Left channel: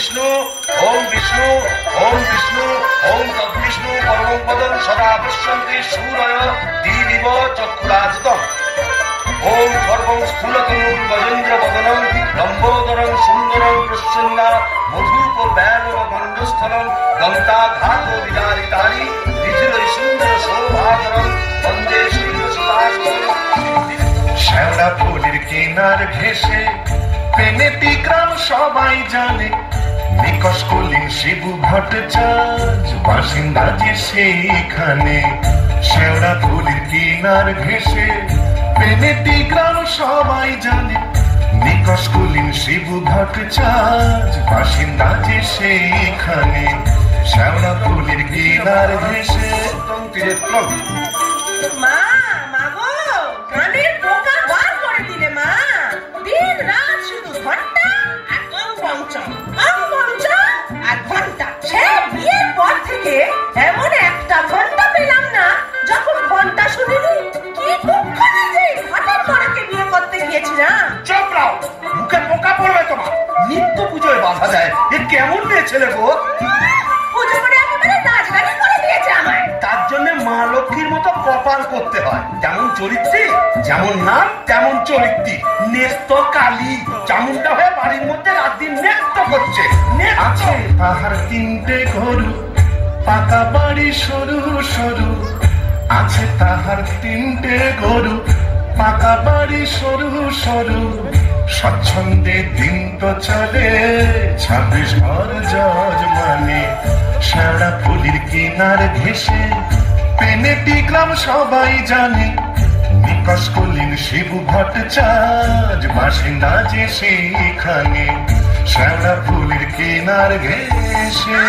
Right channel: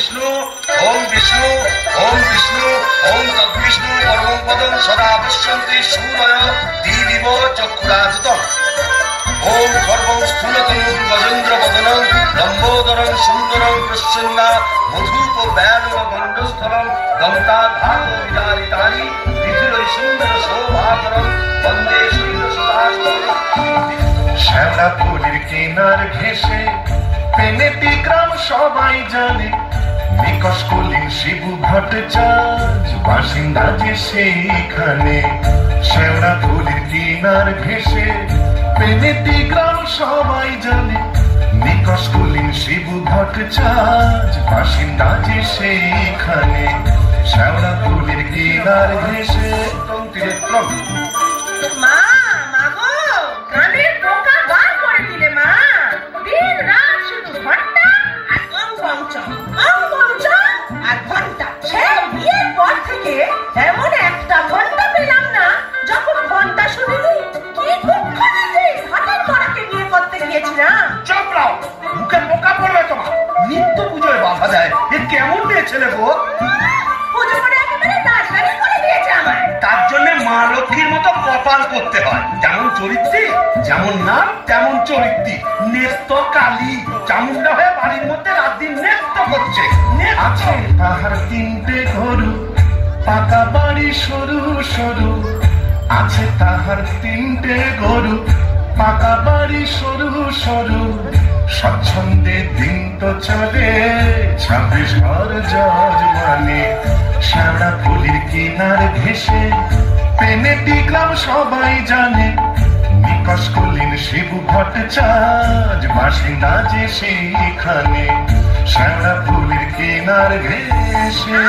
विष्णु ओम विष्णु ओम विष्णु ओम तद्विष्णु परमं पदं सदा पश्यन्ति सूरय दीदिव चक्षुराजितम् ओम सर्वं स्थूलतनुं गजेन्द्र वदनं लंबोदरं सुंदरं प्रसन्ना मधुप बैलव गंडस्थलं गंताघातो विदारितानि दिथिर सुंदर शोभाकरं वंदे श्रीकृष्णाष्टकं। শ্যাওড়া ফুলের কেনার ঘেঁষে পেনেটি গ্রাম সবাই জানে, নিকশ কলিন শিবু ভট্টাচার্য বাসিন্দা যে সেইখানে। শ্যাওড়া ফুলের কেনার ঘেঁষে পেনেটি গ্রাম সবাই জানে, নিকশ কলিন শিবু ভট্টাচার্য বাসিন্দা যে সেইখানে। শ্যাওড়া ফুলের কেনার ঘেঁষে মা মাগো কানের পোকা বার করে দিলে মা। দিন রাত শুধু ঘন্টা আর ঘন্টা। সে বিয়ের পর থেকে এমন একটা ঘন্টা পেলাম না যখন ঘন্টা শুনিনি। কি দুঃখে যে ঘাটের মরাকে বিয়ে করতে গিয়েছিলাম। চুপ রাও, মুখে পোকা পড়বে তোমার। নিত্য পুজোয় বাধা দেয়, এ কেমন মেয়ে ছেলে গো? পুজো করে একেবারে নাচগানি করে দিয়েছে আমায়। তার জন্য মা লক্ষ্মীর মতো কপাল করতে হয়। যেমন চরিত্রী, যেমন নাম তেমন চরিত্রী। নেত্য কালী চামুন্ডা হয়ে বাড়ির মধ্যে রাত দিন নেত্য করছে। আছে তাহার তিনটে গরু, পাকা বাড়ি সরু সরু। আছে তাহার তিনটে গরু, পাকা বাড়ি সরু সরু। স্বচ্ছন্দে দিন তো চলে 26 ঘর যজমানে। শ্যাওড়া ফুলের কিনার ঘেঁষে পেনেটি গ্রাম সবাই জানে, নিকশ কলিন শিবু ভট্টাচার্য বাসিন্দা যে সেইখানে। শ্যাওড়া ফুলের কিনার ঘেঁষে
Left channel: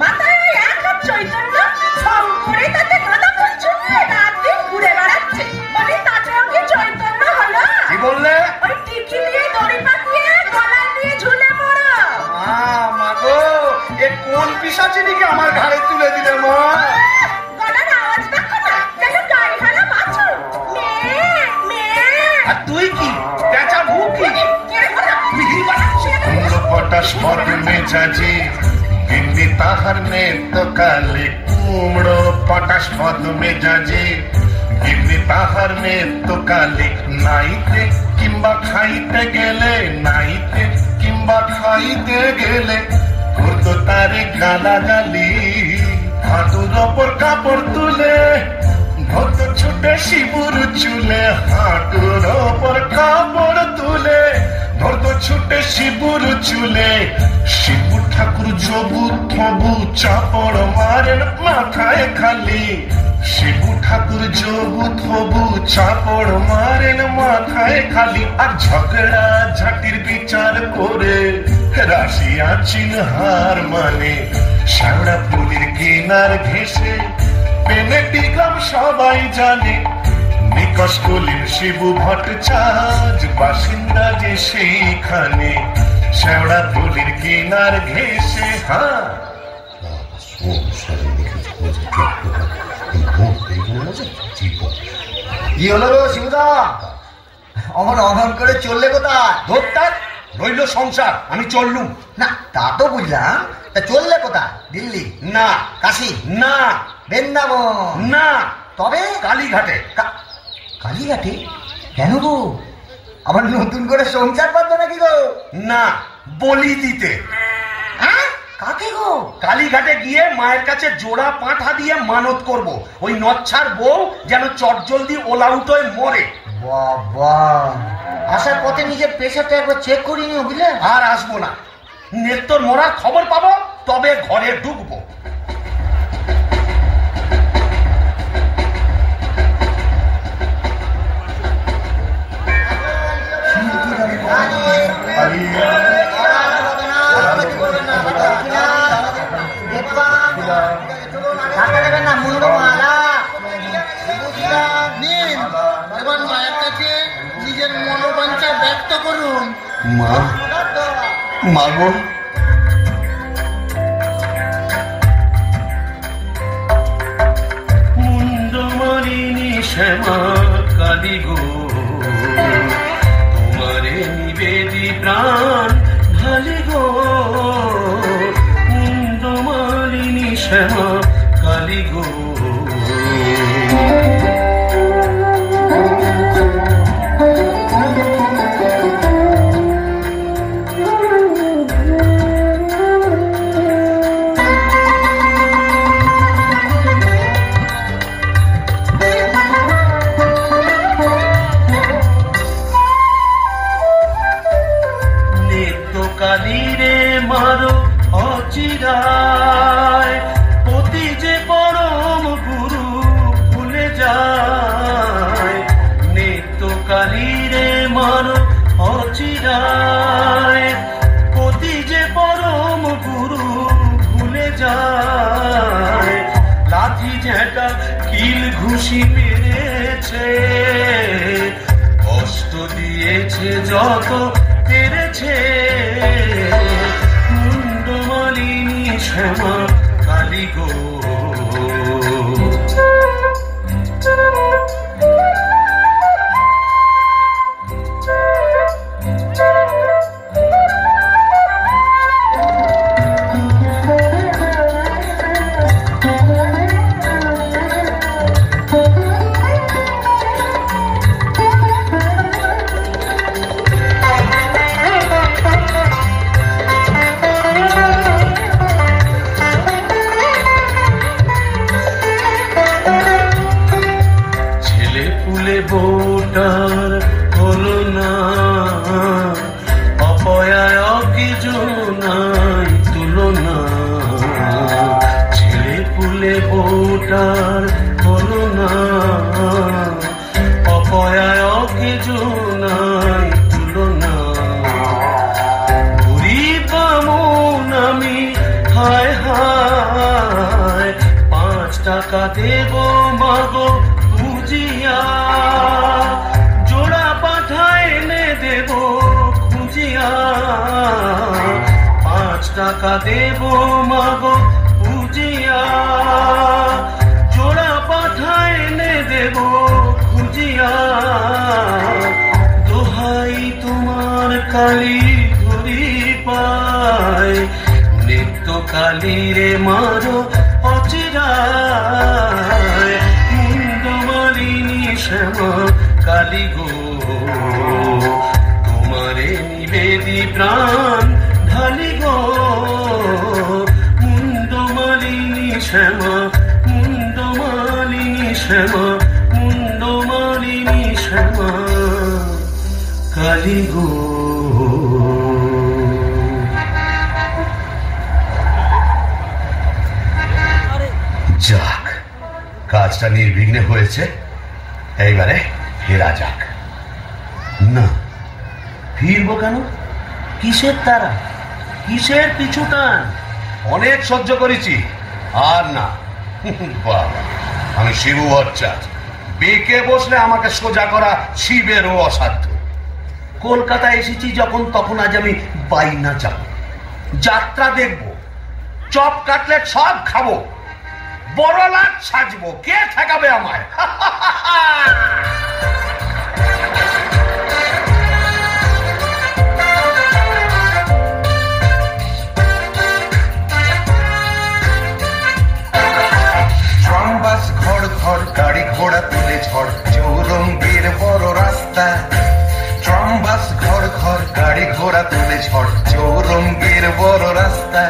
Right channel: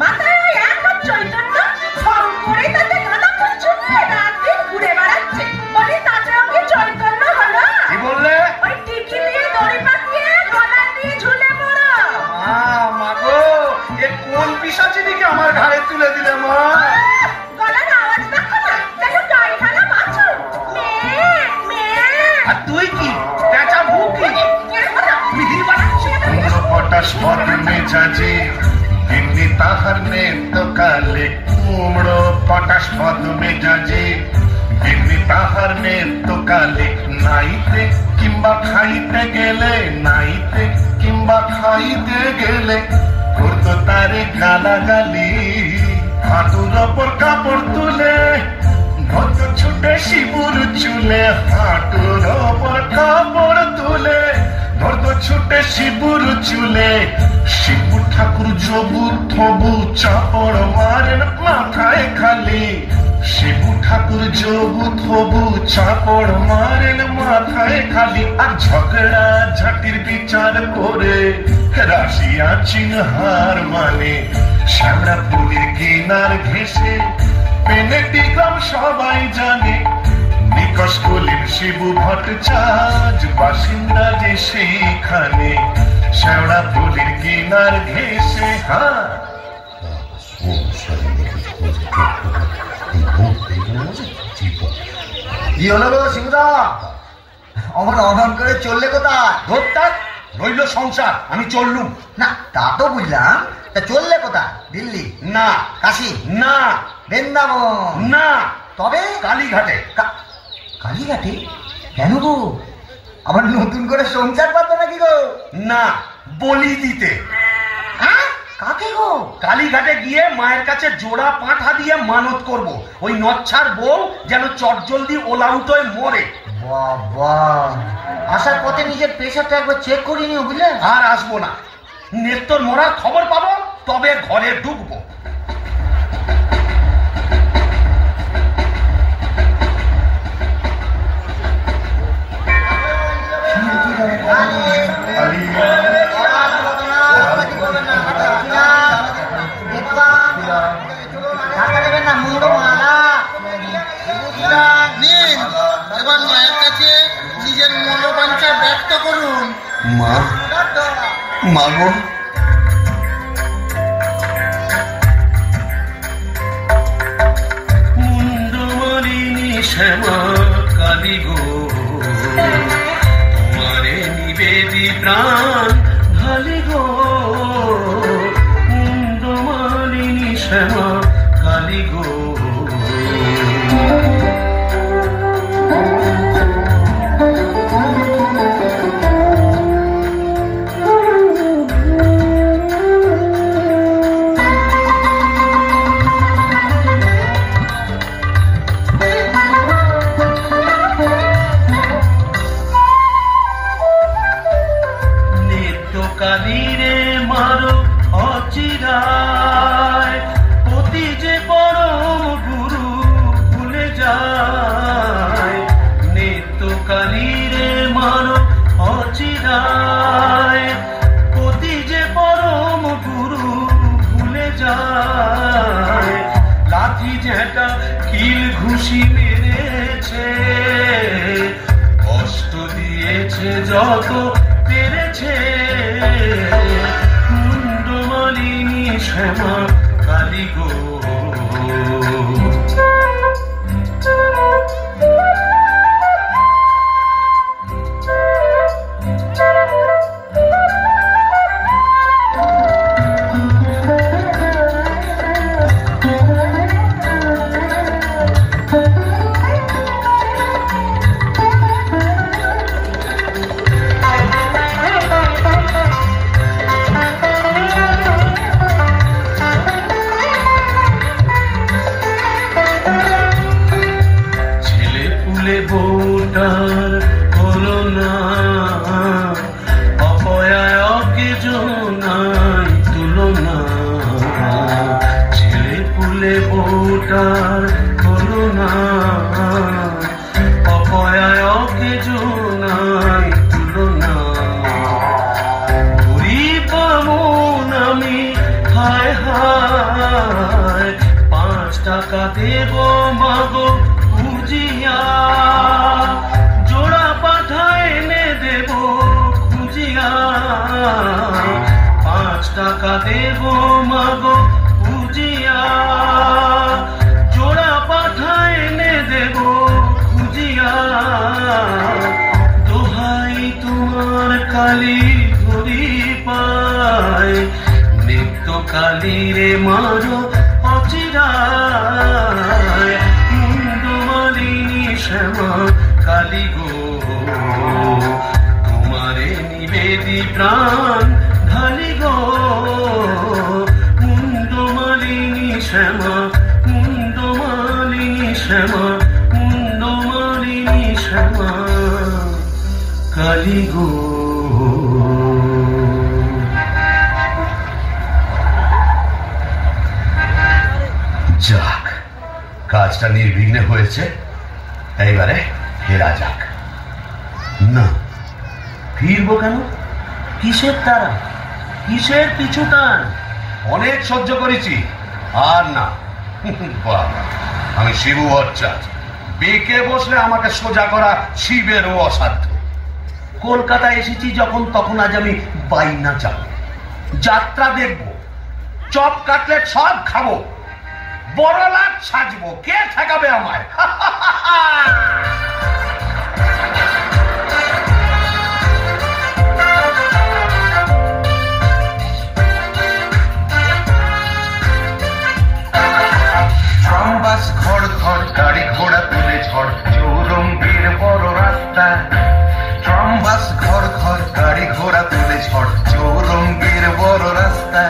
মাথায় এক হাত চৈতন্য সব করে তাতে গাঁদা ফুল চুকিয়ে রাত দিন ঘুরে বেড়াচ্ছে। বলি তাতেও কি চৈতন্য হলো? কি বললে? ওই টিকি নিয়ে দড়ি পাকিয়ে গলায় দিয়ে ঝুলে পড়ো। মা গো, এ কোন পিশাচিনিকে আমার ঘাড়ে তুলে দিলে মা? গলার আওয়াজ দেখো না, যেন গাই ফেলা বাছুর। মেয়ে মেয়ে। আর তুই কি পেঁচা ভুকি? পটাশ পর মেজাজে এমনি তাহার নেত্য কালে। কুমড়ো পটাশ পদ মেজাজে এমনি তাহার নেত্য কালে। নাইতে কিংবা খাইতে গেলে, নাইতে কিংবা খাইতে গেলে করতো তারে গালাগালি। হাঁটুর ওপর কাপড় তুলে ধরতো ছুটে শিবুর চুলে। হাঁটুর ওপর কাপড় তুলে ধরতো ছুটে শিবুর চুলে। শিবু ঠাকুর জবু থবু চাপড় মারেন মাথায় খালি। শিবু ঠাকুর জবু থবু চাপড় মারেন মাথায় খালি। আর ঝগড়া ঝাঁটির বিচার করে রাশিয়া চিনহার মানে। শ্যাওড়া ফুলের কিনার ঘেঁষে পেনেটি গ্রাম সবাই জানে, নিকশ কলিন শিবু ভট্টাচার্য বাসিন্দা যে সেইখানে। শ্যাওড়া ফুলের কিনার ঘেঁষে কি হলো গো শিবুদা? আমার অনর করে চললে কোথায়? ধরতার রইল সংসার, আমি চললুম না। তা তো বুঝলাম, তা চললে কোথায়? দিল্লি না, কাশী না, বৃন্দাবন না, তবে কালীঘাটে। কালীঘাটে? কেন গো? আবার নতুন করে সংসার পাতো নাকি গো? না, বলি দিতে। কাকে গো? কালীঘাটে গিয়ে মায়ের কাছে জোড়া পাঁঠা দিয়ে মানত করব, ওই নচ্ছার বউ যেন চটজলদি ওলাউট হয়ে মরে। বাবা, আসার পথে নিজের প্রেশারটা একবার চেক করে নিও বুঝলে। আর আসবো না, নেত্তর মরার খবর পাবো তবে ঘরে ঢুকবো। এবার মায়ের কাছে নিজের মনোবাঞ্ছা ব্যক্ত করুন। মা, মাগো, মুন্ডমরিণী শ্যামা কালী গো, তোমারে নিবেদি প্রাণ গো মুন্ডমালিনী শ্যামা কালী গো। কষ্ট দিয়েছে যত পেরেছে মুন্ডমালিনী শ্যামা কালী গো। ভোটার হলো না অপয়াকে জনাই তুলনা, ছেলে পুলে ভোটার হলো না অপয়াকে জনাই তুলনা। গরিব আমি হায় হায় 5 টাকা দেব মাগো খুঁজিয়া, জোড়া পাঠায় এনে দেব খুঁজিয়া। 5 টাকা দেব মাগো খুঁজিয়া, জোড়া পাঠায় এনে দেব খুঁজিয়া। দোহাই তোমার কালী ধরি পায়, নিত্য কালী রে মারো অচিরায় মুন্ডমালিনী শ্যামা কালী গো। তোমারে নিবেদি প্রাণ ঢালি গো মুন্ডমালিনী শ্যামা, মুন্ডমালিনী শ্যামা, মুন্ডমালিনী শ্যামা কালী গো। যাক, কাজটা নির্বিঘ্নে হয়েছে, এইবারে ফেরা যাক। না, ফিরবো কেন? কিসের তারা, কিসের পিছু টান? অনেক সহ্য করেছি, আর না। বাবা, আমি শিবু ভট্টাচার্য, বেঁকে বসলে আমাকে সোজা করা শিবেরও অসাধ্য। কলকাতা এসেছি যখন, তখন আজ আমি বাইনা যাব, যাত্রা দেখবো, চপ কাটলেট সব খাবো, বড় লাট সাজবো, কে ঠেকাবে আমায়? বাস ঘর ঘর গাড়ি ঘোড়া তুলে ঝড় চৌরঙ্গীর বড় রাস্তা। ট্রাম বাস ঘর ঘর গাড়ি ঘোড়া তুলে ঝড় চৌরঙ্গীর বড় রাস্তা।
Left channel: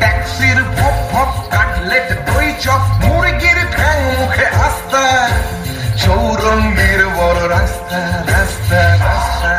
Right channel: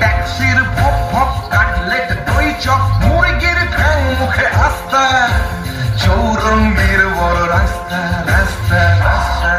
ট্যাক্সির ভক ভক কাটলেট দই চপ মুরগির ঠ্যাং মুখে আস্তা। চৌরঙ্গীর বড় রাস্তা রাস্তা রাস্তা।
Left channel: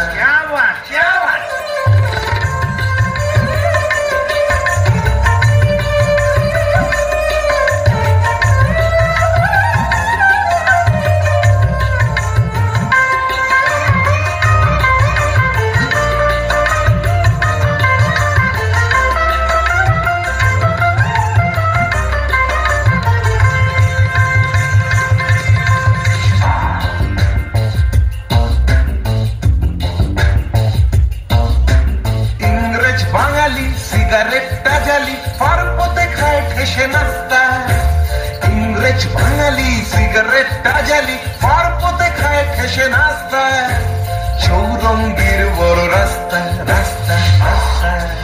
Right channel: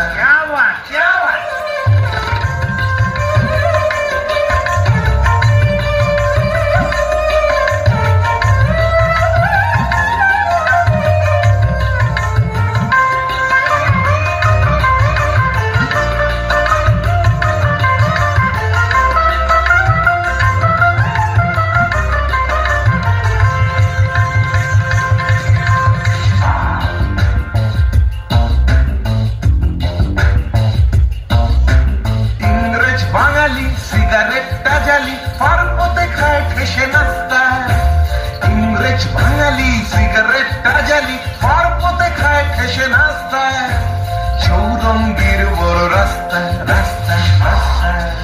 চৌরঙ্গীর বড় রাস্তা রাস্তা রাস্তা।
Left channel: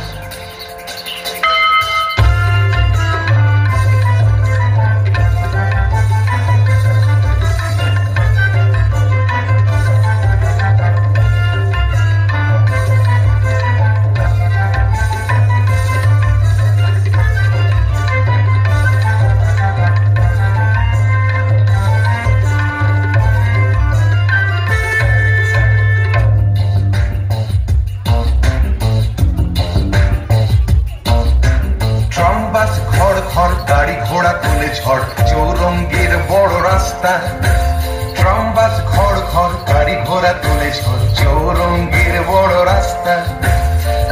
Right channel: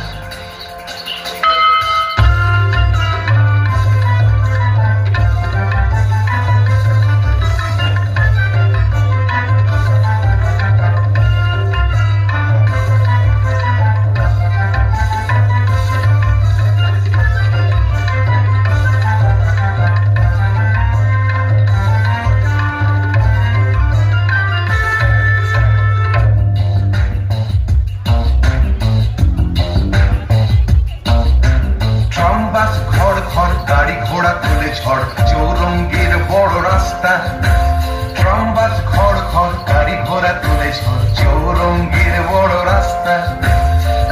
ঘোড়া তুলে ঝড় চৌরঙ্গীর বড় রাস্তা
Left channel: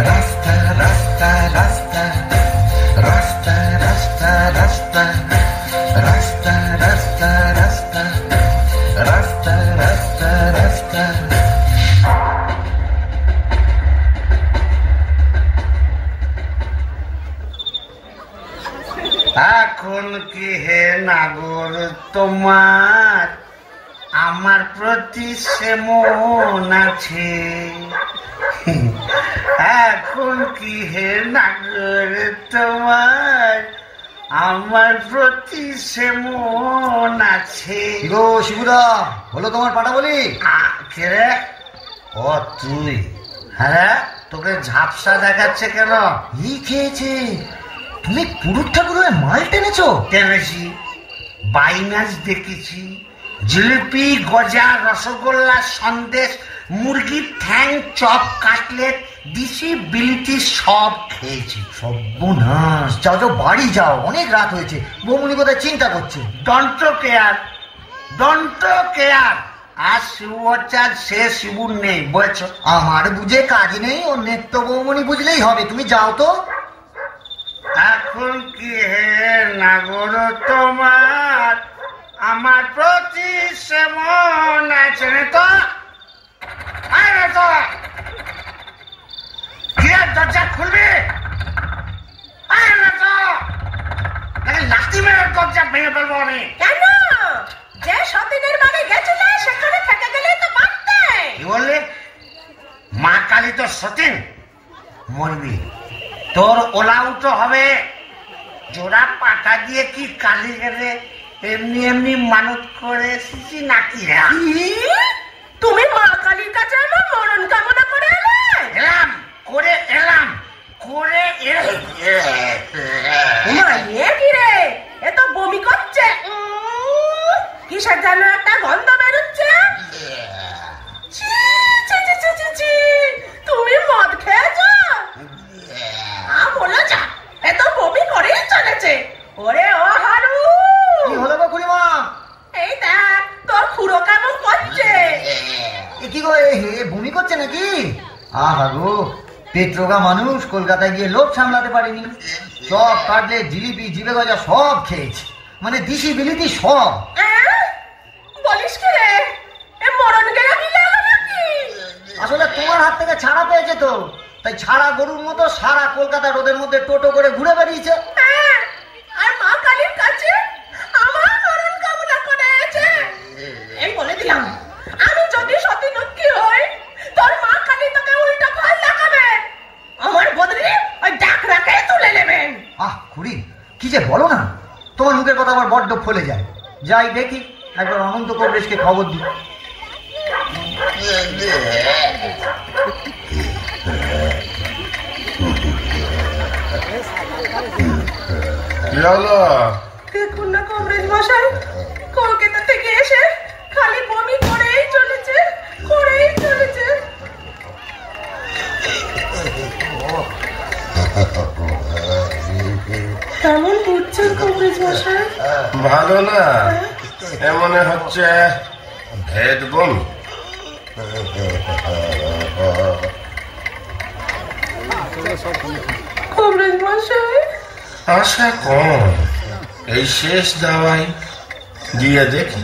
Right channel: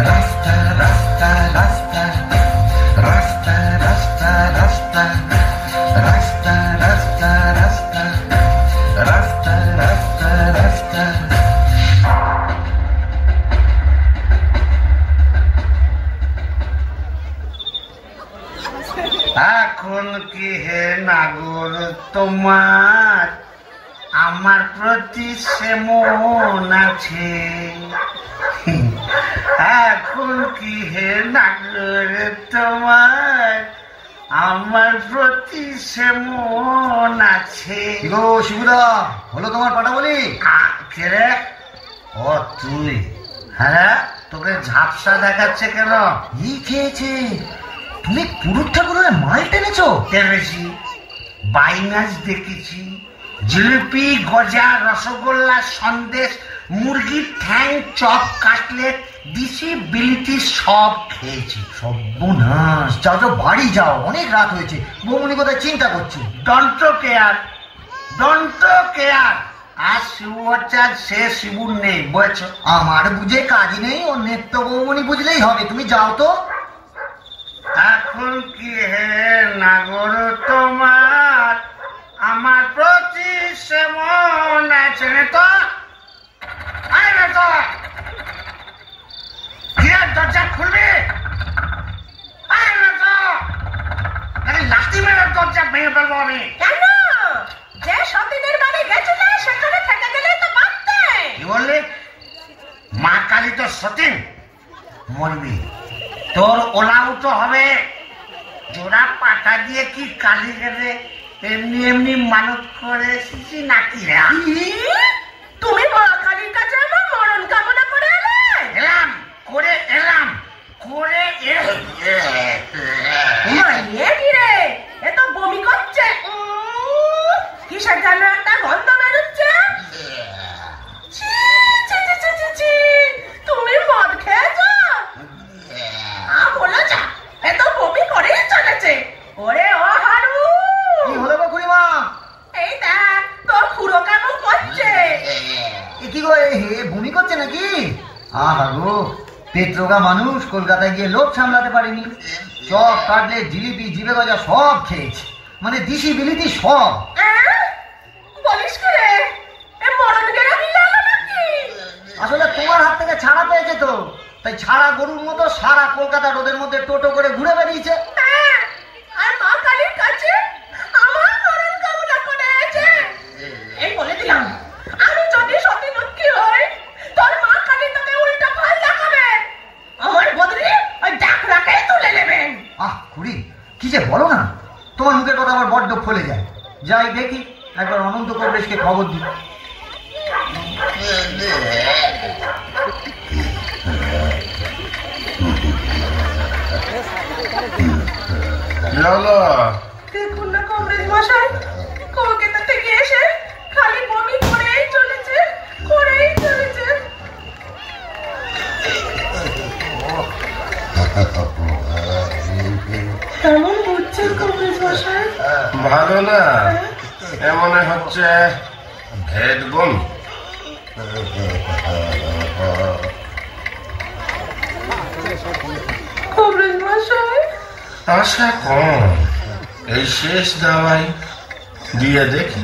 রাস্তা রাস্তা রাস্তা রাস্তা রাস্তা রাস্তা রাস্তা রাস্তা রাস্তা রাস্তা রাস্তা রাস্তা এখন কি হে নাগর তোমার আমার প্রতি সে মন আছে? এখন কি হে নাগর তোমার আমার প্রতি সে মন আছে? গো শিবুদা, হলো তোমার পাটা বলি? কে রে? ও তুই? হ্যাঁ, তোকে ঝাপসা দেখাচ্ছে কেন? এই খেয়েছে, তুমি পুরুষ ঠাকুরের মাল টেনেছো? টেনেছি, বাইনাস দেখেছি, জিলিপি, গজা, রসগোল্লা, সন্দেশ, মুরগির ঠ্যাং, চপ, কাটলেট, দিশি, বিলিতি সব খেয়েছি। সর্বনাশ, যাও যাও, বাড়ি যাও, অনেক রাত হয়েছে। বৌমনি কোথায় চিন্তা করছে? Don't care, don't care. আর শিবচার সে শিবুর নেই, বুঝেছ? আমার বুঝে কাজ নেই, অন্যের তো বৌমনি বুঝলেই হবে। তুমি যাও তো। এখন কি হে নাগর তোমার আমার প্রতি সে মন আছে? তো দরজা খুলবি? লাঠি মেরে দরজা ভেঙে ফেলবো আমি। কেন? যে সতীনের বাড়ি গেছিলে সেখানে থেকে গেলে তো পারতে। কি বললি? মা কালী তো সতীন, মরবি। তোর ওলাউট হবে। জোড়া পাটা দিয়ে কি কালী গেলে এমনি এমনি মানত করে এসেছি নাকি? তুমি মা কালীর কাছে আমার মরণ কামনা করে এলে? এলাম করে এলাম করে রে, এ তো বমি করছে। কিসের যেন একটা গন্ধ বেরোচ্ছে। তুমি মদ খেয়েছ? বলো যা, এ তো বমি করেই চলেছে। ওরে ও হারু, কি হলো গো খুড়িমা? এই দেখ তোর খুড়ো কেমন করছে। কি গো, ভূমি করছে নাকি? আহা গো, পেট্রোগা মানুষ, কলকাতায় গিয়ে লোভ সামলাতে পারেনি। সব কাটলে, জিলিপি, জিবে গজা সব খেয়েছে, মানে দিশি বিলিতি সব। বলিস কি রে, এ মরণ গেলে মিলে এলো নাকি? আসলে তোমার হাত থেকে ছাড়া পেয়েছে তো, তাই ছাড়া গরুর মতো সারা কলকাতা রোদের মধ্যে টোটো করে ঘুরে বেরিয়েছে। আর মা কালীর কাছে আমার মরণ কামনা করেছে। এই বলে দিলাম, আমি যদি সতী লক্ষ্মী হই, তোর মা কালী তোকে উল্টো ফাল দেখাবে। আমার বদলে ওই ডাকরাকে তুলে নেবেন। খুড়ি, কি যে বলো না, তোমার মুখের কথা আমার বড্ড ফলে যায়। যাই দেখি, একবার অনন্ত কবরেশকে খবর দিই। দেখুন না কবরেশ মশাই, কলকাতা থেকে এসে খালি বমি করেই চলেছে, করেই চলেছে। কেমন বুঝছেন কবরেশ মশাই? ভালো না, এমন হচ্ছে ভেদ বমি। কবরেশ মশাই, আশা কম, এই শেষ দাওয়াই দিয়ে দেখি।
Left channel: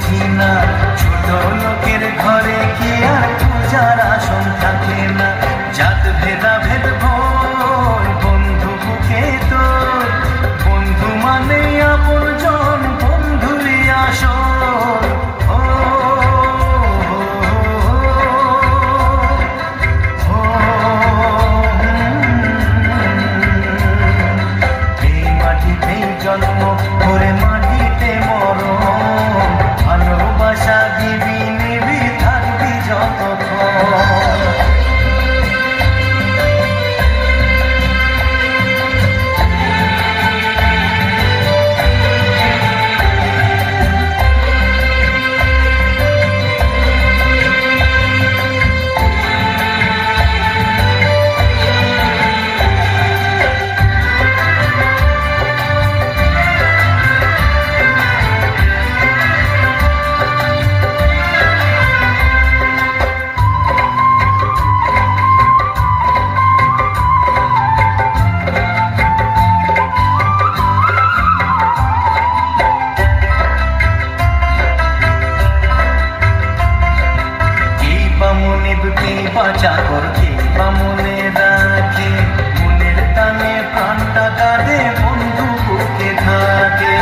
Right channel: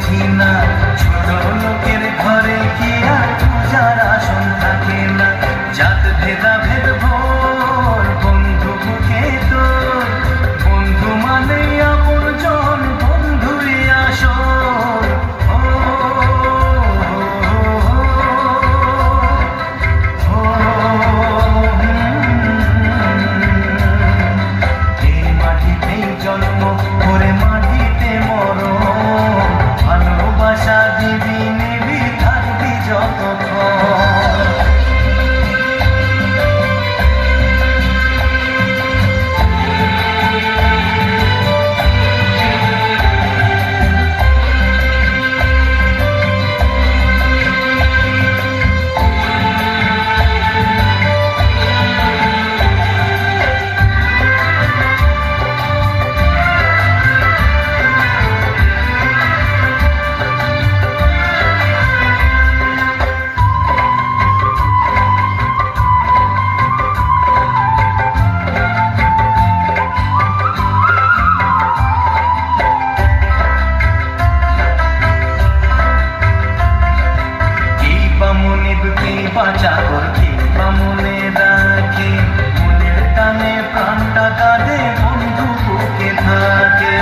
বুঝি না, ছোট লোকের ঘরে কি আর পূজার আসন থাকে না। জাত ভেদা ভেদ ভোর বন্ধু বুকে তোর, বন্ধু মানে আপন জন, বন্ধুই আসর। এই মাটিতেই জন্ম, করে মাটিতে মরণ, ভালোবাসা দিবি নিবি থাকবি যতক্ষণ। বাঁচা করতে মনে রাখে, মনের টানে প্রাণটা কাঁদে, বন্ধু বুকে থাকে।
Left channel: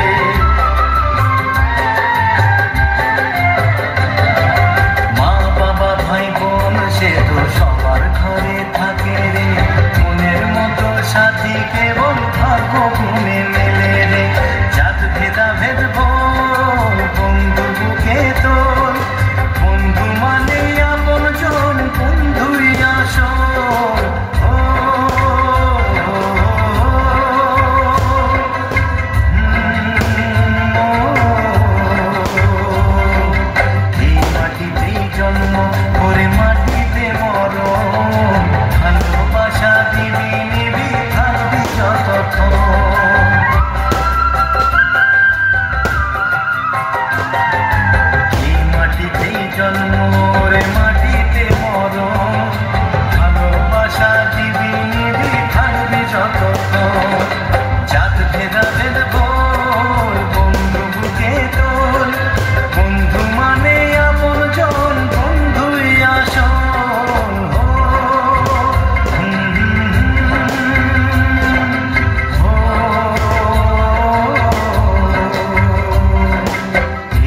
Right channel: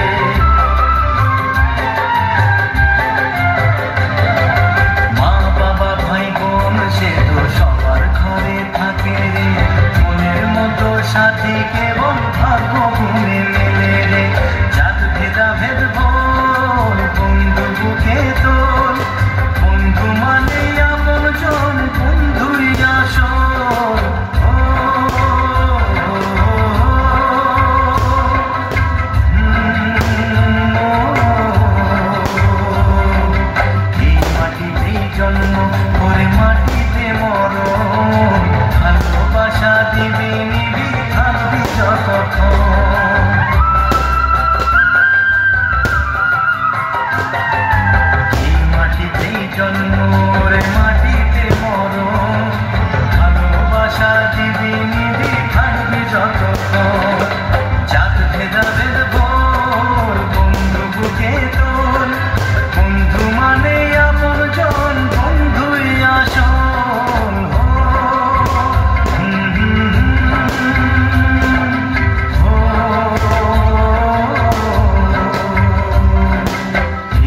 মা বাবা ভাই বোন সে তো সবার ঘরে থাকে রে, মনের মতো সাথী কেবল ভাগ্য গুণে মেলে রে। জাত ভেদা ভেদ ভোর বন্ধু বুকে তোর, বন্ধু মানে আপন জন, বন্ধুই আসর। এই মাটিতেই জন্ম, করে মাটিতে মরণ, ভালোবাসা দিবি নিবি থাকবি যতক্ষণ। এই মাটিতেই জন্ম, রে মাটিতে মরণ, ভালোবাসা দিবি নিবি থাকবি যতক্ষণ। জাত ভেদা ভেদ ভোর বন্ধু বুকে তোর, বন্ধু মানে আপন জন, বন্ধুই আসল।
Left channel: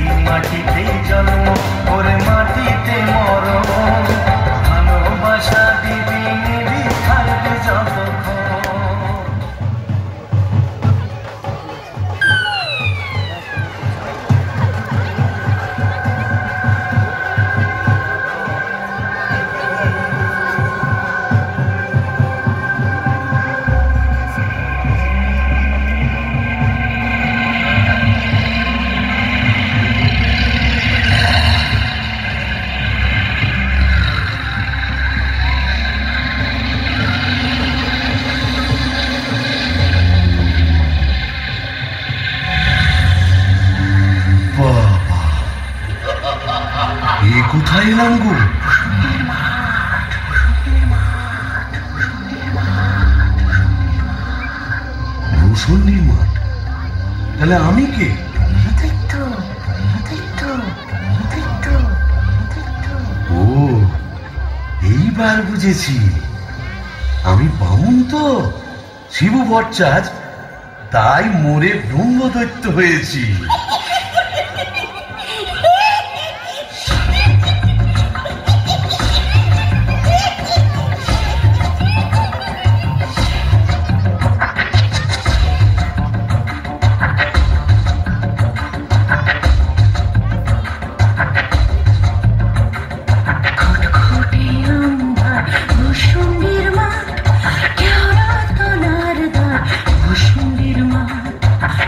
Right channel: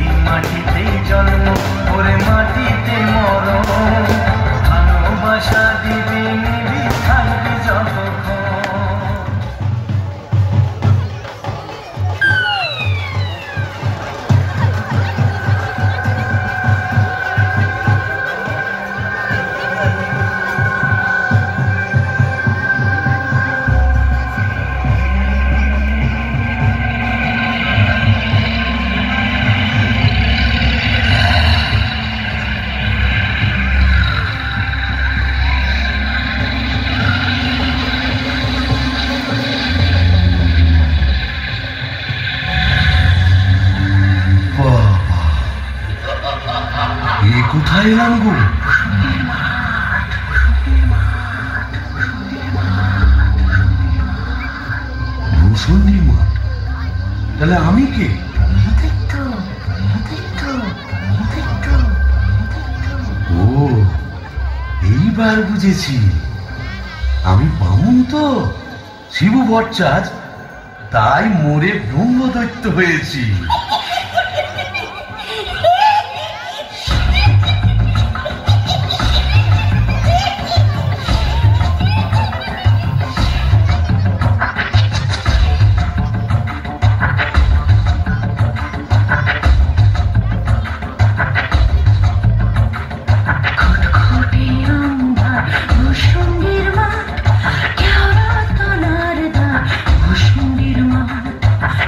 এই মাটিতেই জন্ম, ওরে মাটিতে মরণ, ভালোবাসা দিবি নিবি থাকবি যতক্ষণ। এ কোথায় এলাম গো? রোশনির মাঠ? তাহলে আমি কে? ও, এইবার বুঝেছি, আমি বামুন তো, শিবু ভট্টাচার্য, তাই মোরে ব্রহ্মদৈত্য হয়েছি।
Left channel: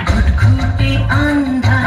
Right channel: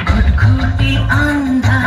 ঘুটঘুটে আন্ধার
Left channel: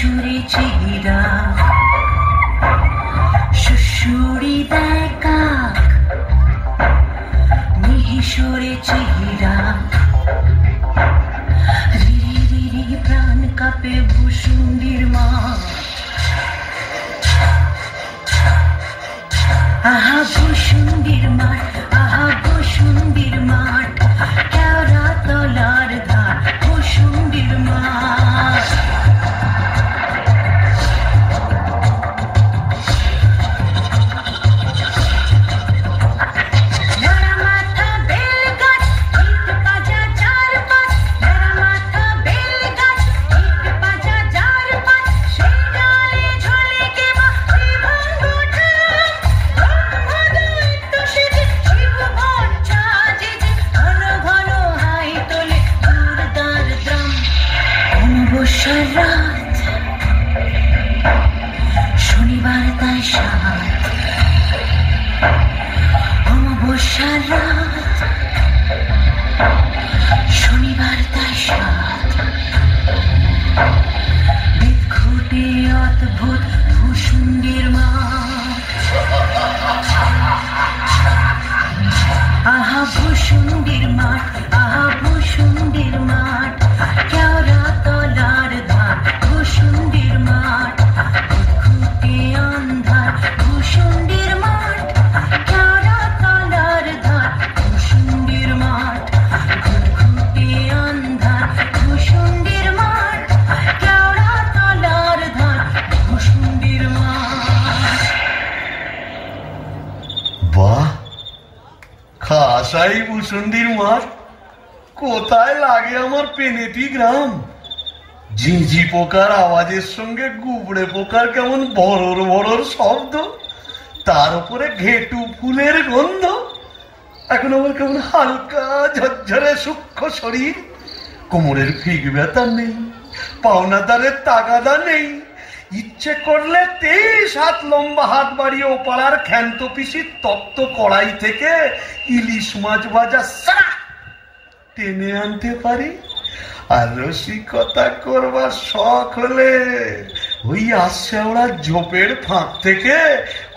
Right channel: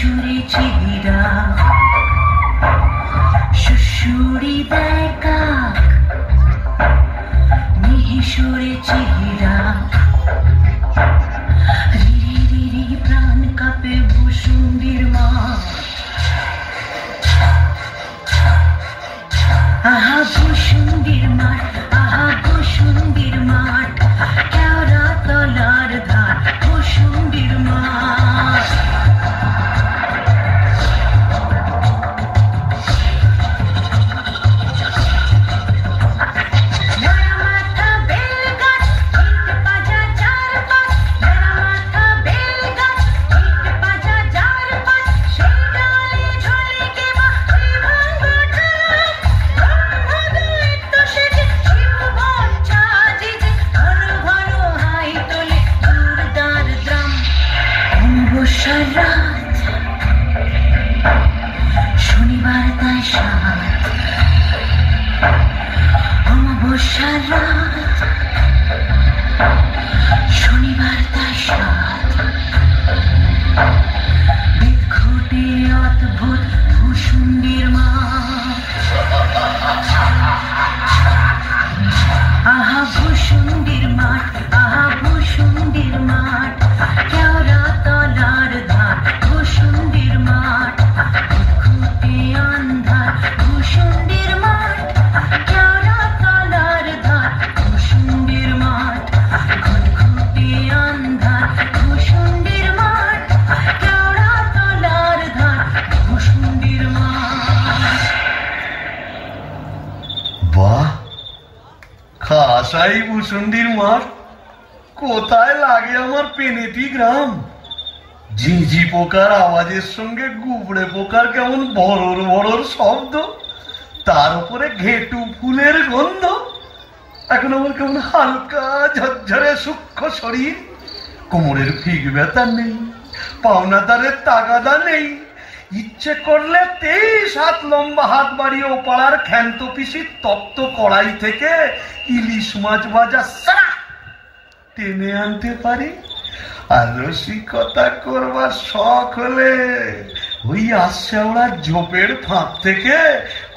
সুরে চিহিরা সুশুরি দেয় কাক মিহিসুরে চিহিরা রিরি রিরি প্রাণ কাঁপে ভূসুন্ডির মা আহা ভূসুন্ডির মাঠ আহা ভূসুন্ডির মাঠ কেওড়া তলার ধার ভূসুন্ডির মাঠ শনিবার তাই সাত অমাবস্যার রাত শনিবার তাই সাত বিক্ষুটে অদ্ভুত ভূসুন্ডির মাঠ আহা ভূসুন্ডির মাঠ আহা ভূসুন্ডির মাঠ কেওড়া তলার ধার ভূসুন্ডির মাঠ খুঁটি আন্ধার ভূসুন্ডির মাঠ কেওড়া তলার ধার ভূসুন্ডির মাঠ খুঁটি আন্ধার ভূসুন্ডির মাঠ কেওড়া তলার ধার ভূসুন্ডির মাঠ। বাহ, খাসাই ভূসুন্ডির মাঠ। কোথায় লাগে আমার পেনেটি গ্রাম। ঝিঝি পোকার আওয়াজের সঙ্গে গুবড়ে পোকার কেমন বড়র বড়র শব্দ, তার উপরে ঘেটু ফুলের গন্ধ। এখন আমার কেমন হালকা ঝরঝরে সূক্ষ্ম শরীর, কোমরের ফিক ব্যথা নেই, পাওনাদারের তাগাদা নেই। ইচ্ছে করলে 23 হাত লম্বা হাত বাড়িয়ে ও পাড়ার ক্ষান্ত পিসির তপ্ত কড়াই থেকে ইলিশ মাছ ভাজা টেনে আনতে পারি। আর রসিকতা করবার শখ হলে ওই আশ্যাওড়া ঝোপের ফাঁক থেকে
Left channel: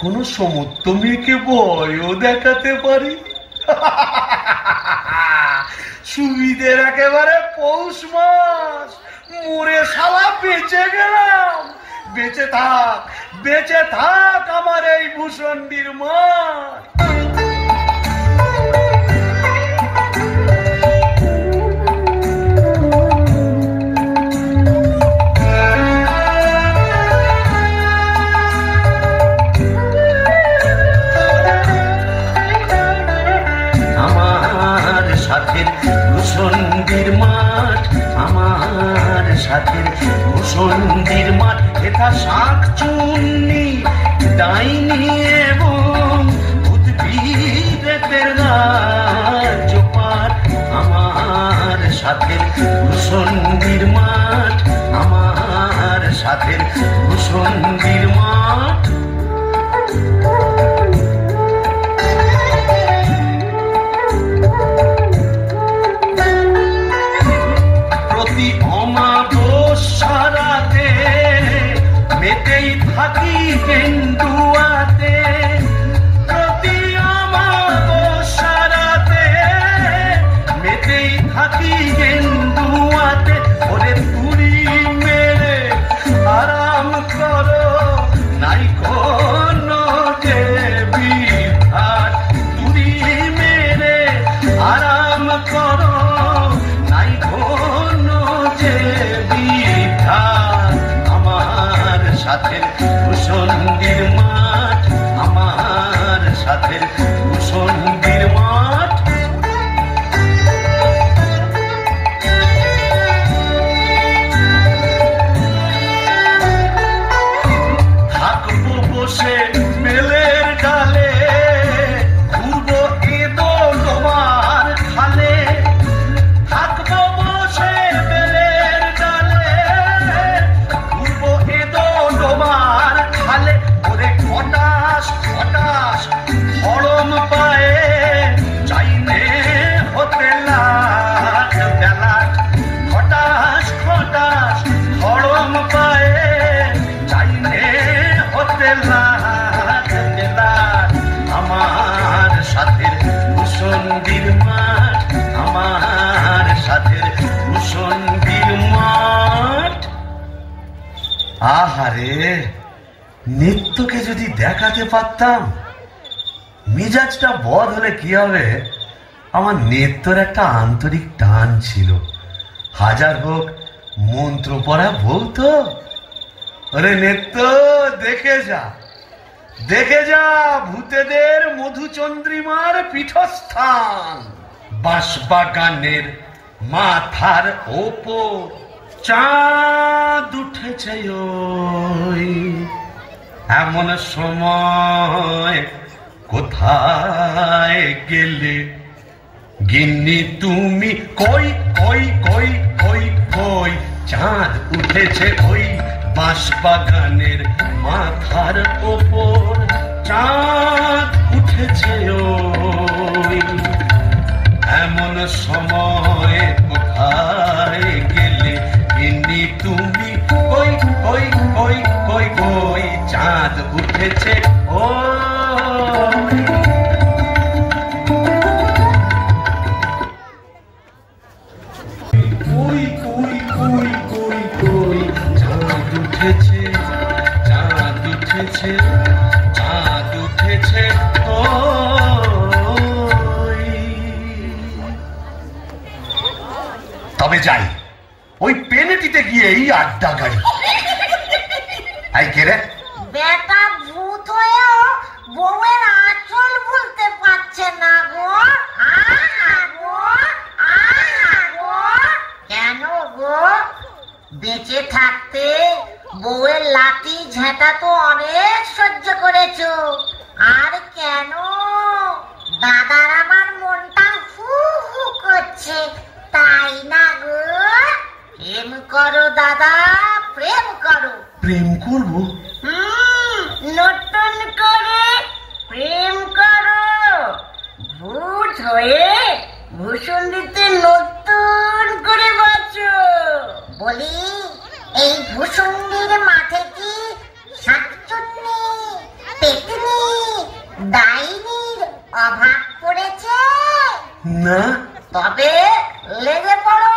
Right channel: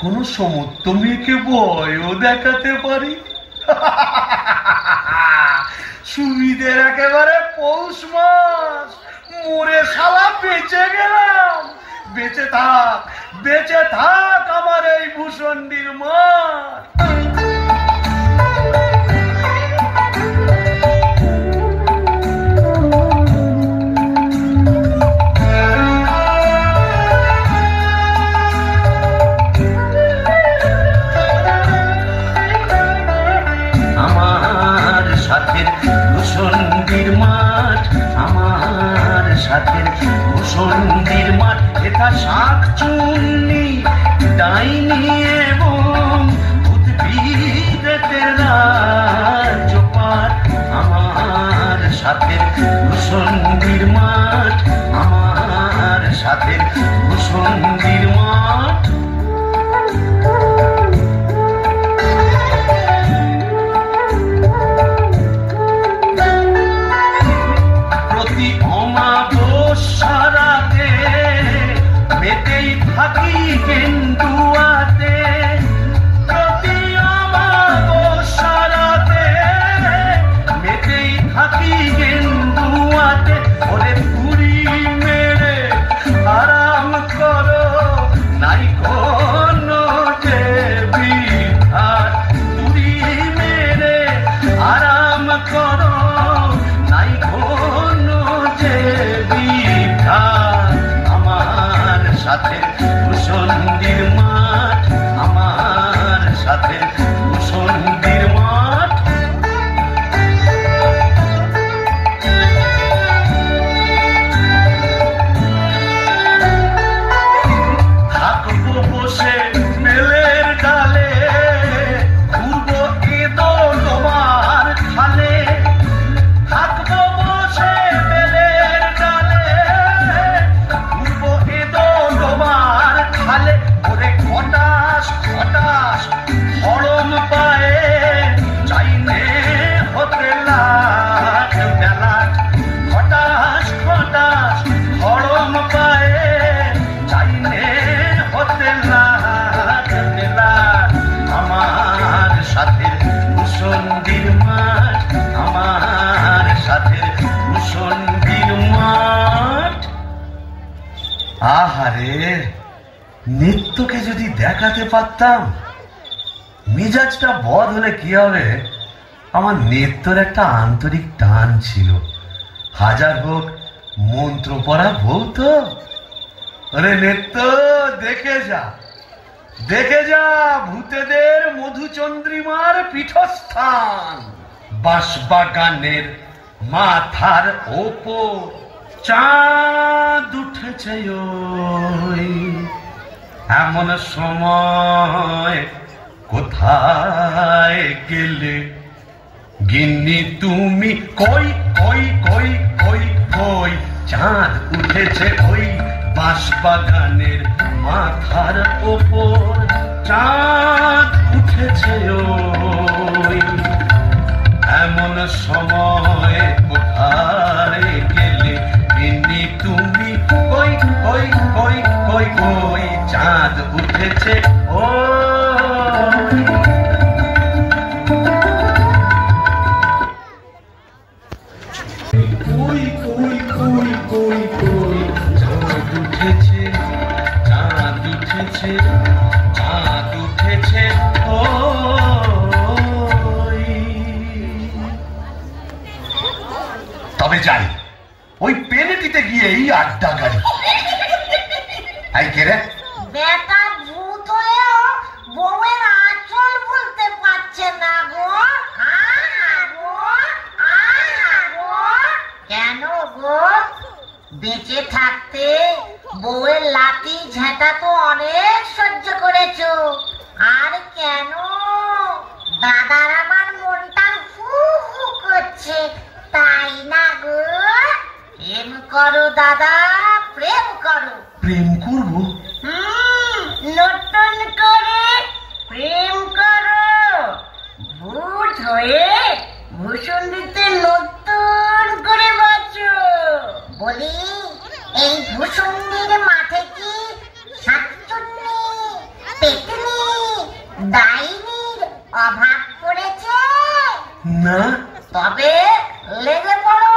কোন সমর্থ মেয়েকে ভয়ও দেখাতে পারি। সুবিধের একেবারে পৌষ মাস, মরে শালা বেঁচে গেলাম। বেঁচে থাক আমার এই ভূসুন্ডির মাঠ। আমার সাথের ভূসুন্ডির মাঠ, আমার সাথের ভূসুন্ডির মাঠ, এটা শাক চুন্নি ডাইনি এবং উদ্ভিদের রাজ্যপাঠ। আমার সাথের ভূসুন্ডির মাঠ, আমার সাথের ভূসুন্ডির মাঠ। প্রতি অমাবস্যাতে মেতেই থাকি কেন্দুয়াতে, প্রতি অমাবস্যাতে মেতেই থাকি কেন্দু যদি দেখাতে পারতাম। মেজাজটা বদ হলে কি হবে, আমার নেত্রর একটা আন্তরিক টান ছিল। হাজার হোক মন্ত্র পড়া বউ তো। ওরে নেত্র, দেখে যা, দেখে যা ভূতেদের মধুচন্দ্রিমার পীঠস্থান। বাঁশবাগানের মাথার ওপর চাঁদ উঠেছে ওই। এমন সময় কোথায় গেলে গিন্নি তুমি? কই কই কই কই কই, চাঁদ উঠেছে ওই বাঁশবাগানের মাথার ওপর, চাঁদ উঠেছে ওই। এমন সময় কোথায় গেলে গিন্নি তুমি? কই কই কই কই কই, চাঁদ উঠেছে ওই। কই কই কই কই কই, চাঁদ উঠেছে, চাঁদ উঠেছে, চাঁদ উঠেছে ওই। তবে যাই, ওই পেনেটিতে গিয়েই আড্ডা গাড়ি। আই কে রে? বেটা ভূত হয়েও বউয়ের আঁচল বলতে পারছে না গো। কেন গো? বেঁচে থাকতে বউয়ের লাঠি ঝেঁটা তো অনেক সহ্য করেছো, আর কেন? দাদার আমার মনটা হু হু করছে, তাই না গো? প্রেম করো দাদা, প্রেম করো। প্রেম করবো? নতুন করে প্রেম করো। ভূত হয়ে ভূষণ্ডিতে নতুন করে বাঁচো। বলি, এই ভূষণ্ডির মাঠে কি শাকচুন্নি, পেতনি, ডাইনির অভাব পড়েছে? না। তবে লেগে পড়ো।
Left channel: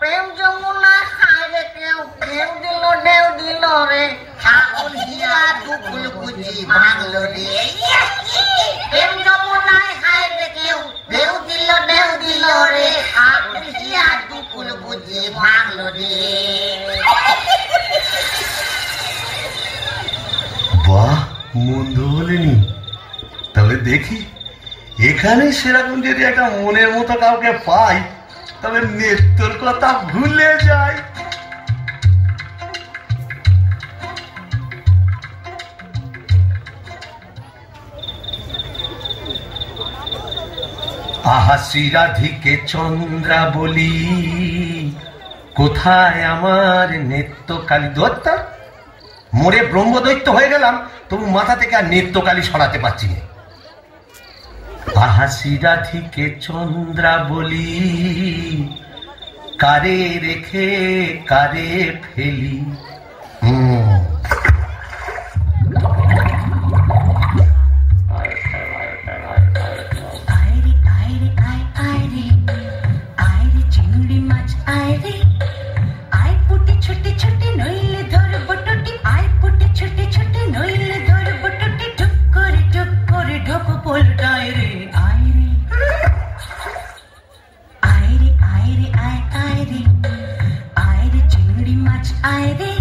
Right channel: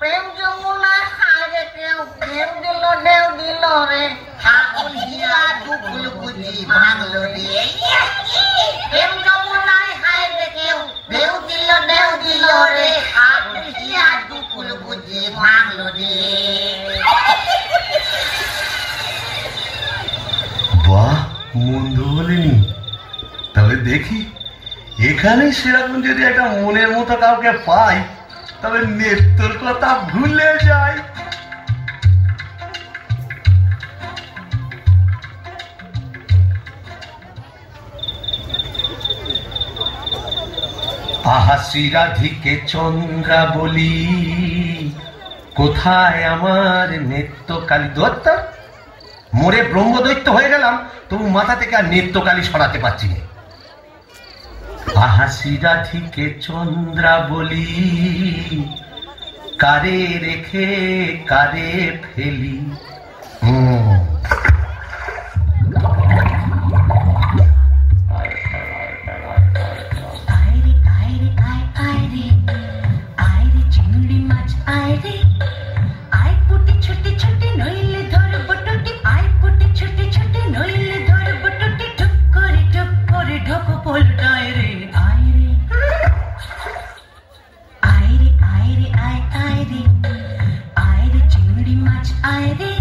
প্রেম যমুনায় হারে কেউ ঢেউ দিল, ঢেউ দিল রে। ঠাকুর হিয়া দুকুল বুঝি ভাঙলো রে। প্রেম যমুনায় হারে কেউ ঢেউ দিল, ঢেউ দিল রে। ঠাকুর হিয়া দুকুল বুঝি ভাঙলো রে। বাহ, মন্দ বলেনি। তবে দেখি, এখানে সেরকম যদি একটা মনের মতো কাউকে পাই, তবে নেত্রর কথা ভুলে যাই। আহাসি রাধিকে চন্দ্রা বলি, কোথায় আমার নেত্রকালী? দত্তা, মোরে ব্রহ্মদৈত্য হয়ে গেলাম, তবু মাথা থেকে আর নেত্রকালী সরাতে পারছি না। আহাসি রাধিকে চন্দ্রা বলি, কারে রেখে কারে ফেলি। চিংড়ি মাছ আয় রে, আয় পুটি ছুটি ছুটি নইলে ধর বটুটি, আয় পুটি ছুটি ছুটি নইলে ধর বটুটি, ঢুক করে ঢোক পোলটায় রে। আয় রে আয় রে আয় রে আয় আয় রে, আয় রে চিংড়ি মাছ আয় রে।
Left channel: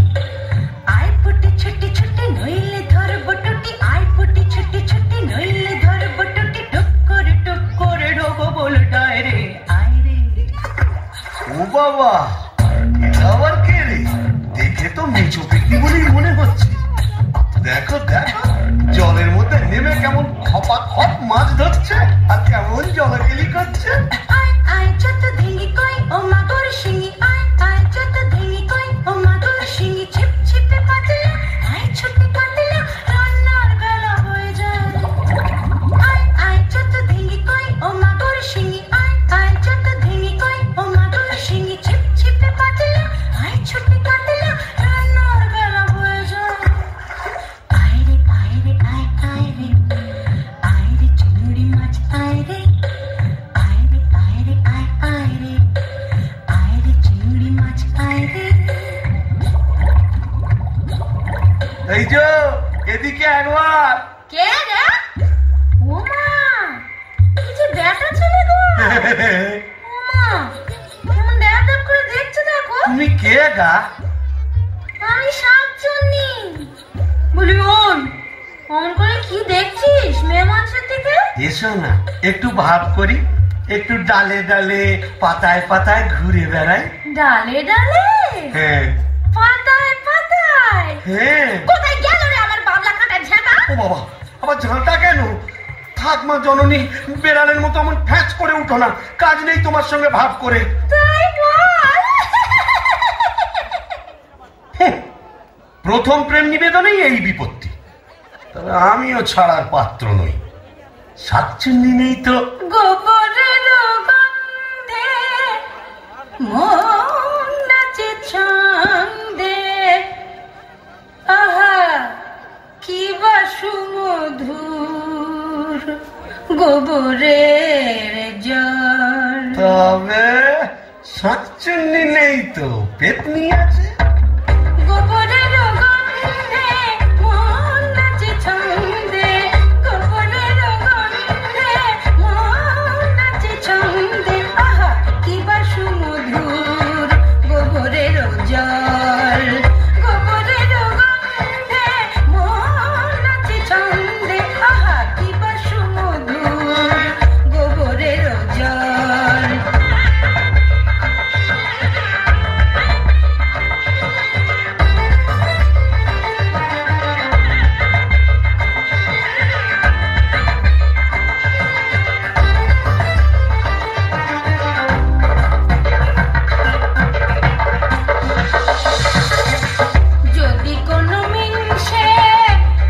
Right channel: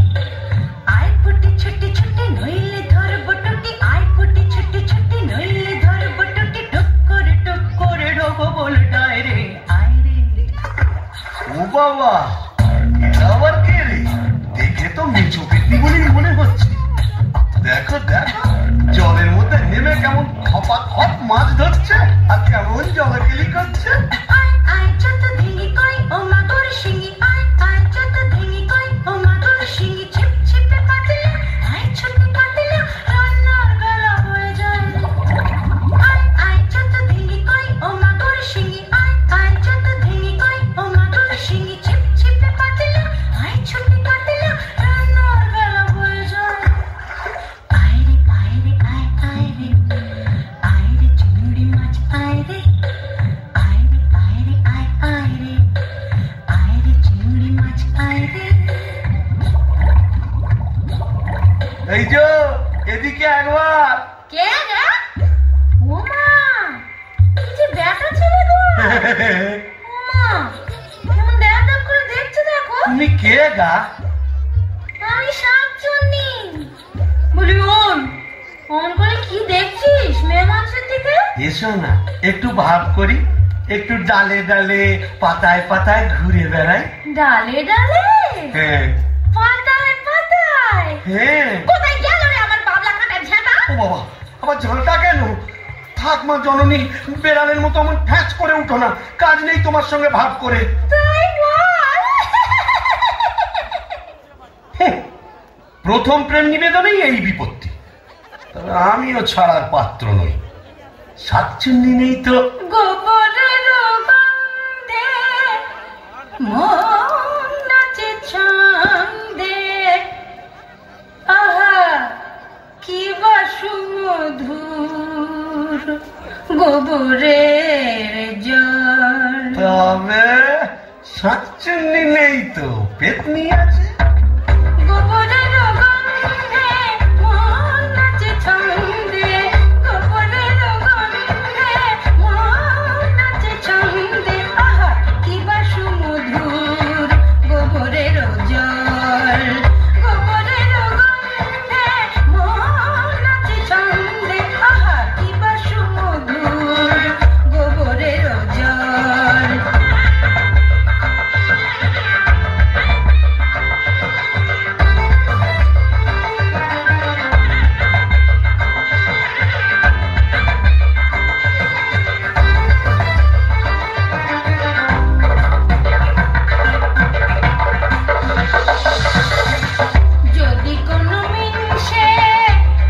এসো না একটু ভাব করি, একটু ডালে ডালে পাতায় পাতায় ঘুরে বেড়াই। ডালে ডালে হ্যাঁ পাতায় পাতায়? হ্যাঁ। কোথায় গেল রে আমার বাবলা কাটা ঝাঁটা? ও বাবা, আবার ঝাঁটা কেন? থাক মা জননী, বেড়ালের মতো আমার ফ্যাচ করে উঠো না, কাজ নেই তোমার সঙ্গে ভাব করে। তাই বল। প্রথম প্রেম নিবেদনেই এই বিপত্তি, তবে আমিও ছাড়ার পাত্র নই। শাকচুন্নি নেই তো গোবরের গন্ধে মন নাচে ছন্দে, আহা কি বা সুমধুর গোবরের জল। তবে শাকচুন্নি নেই তো পেতনি আছে। গোবরের গন্ধে মন নাচে ছন্দে, গোবরের গন্ধে মন নাচে ছন্দে, আহা কি বা সুমধুর গোবরের জল। গোবরের গন্ধে মন নাচে ছন্দে, আহা কি বা সুমধুর গোবরের জল। যদি কোনো মিনসে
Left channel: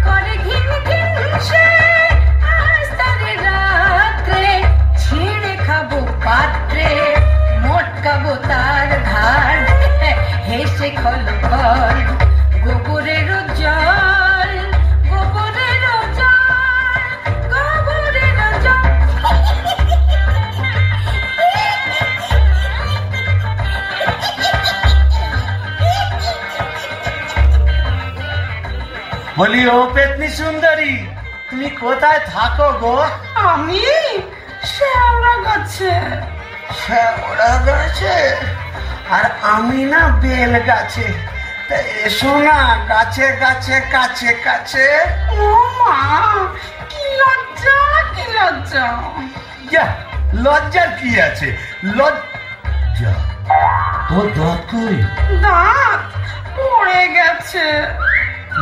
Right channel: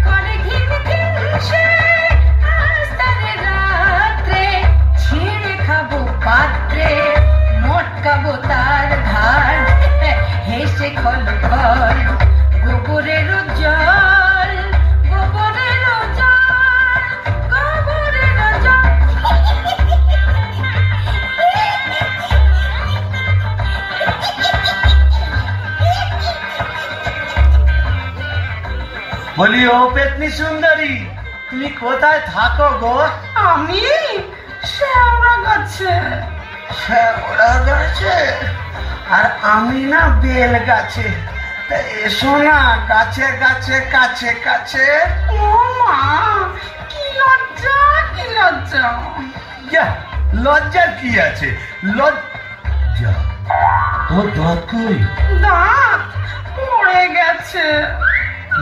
করে ঘিন ঘিনসে, আজ তারে রাত্রে ছিঁড়ে খাবো পাত্রে, মটকাবো তার ঘাড় হেসে খল খল গোবরের জল, গোবরের জল, গোবরের জল। বলি ও পেতনি সুন্দরী, তুমি কোথায় থাকো গো? আমি শ্যাওড়া গাছে। শ্যাওড়া গাছে? আর আমি না বেল গাছে। তা এসো না গাছে গাছে কাছে কাছে। ও মা, কি লজ্জা কি লজ্জা। যা, লজ্জার কি আছে? লজ্জা তোর দাঁত কই? দাঁত পড়ে গেছে।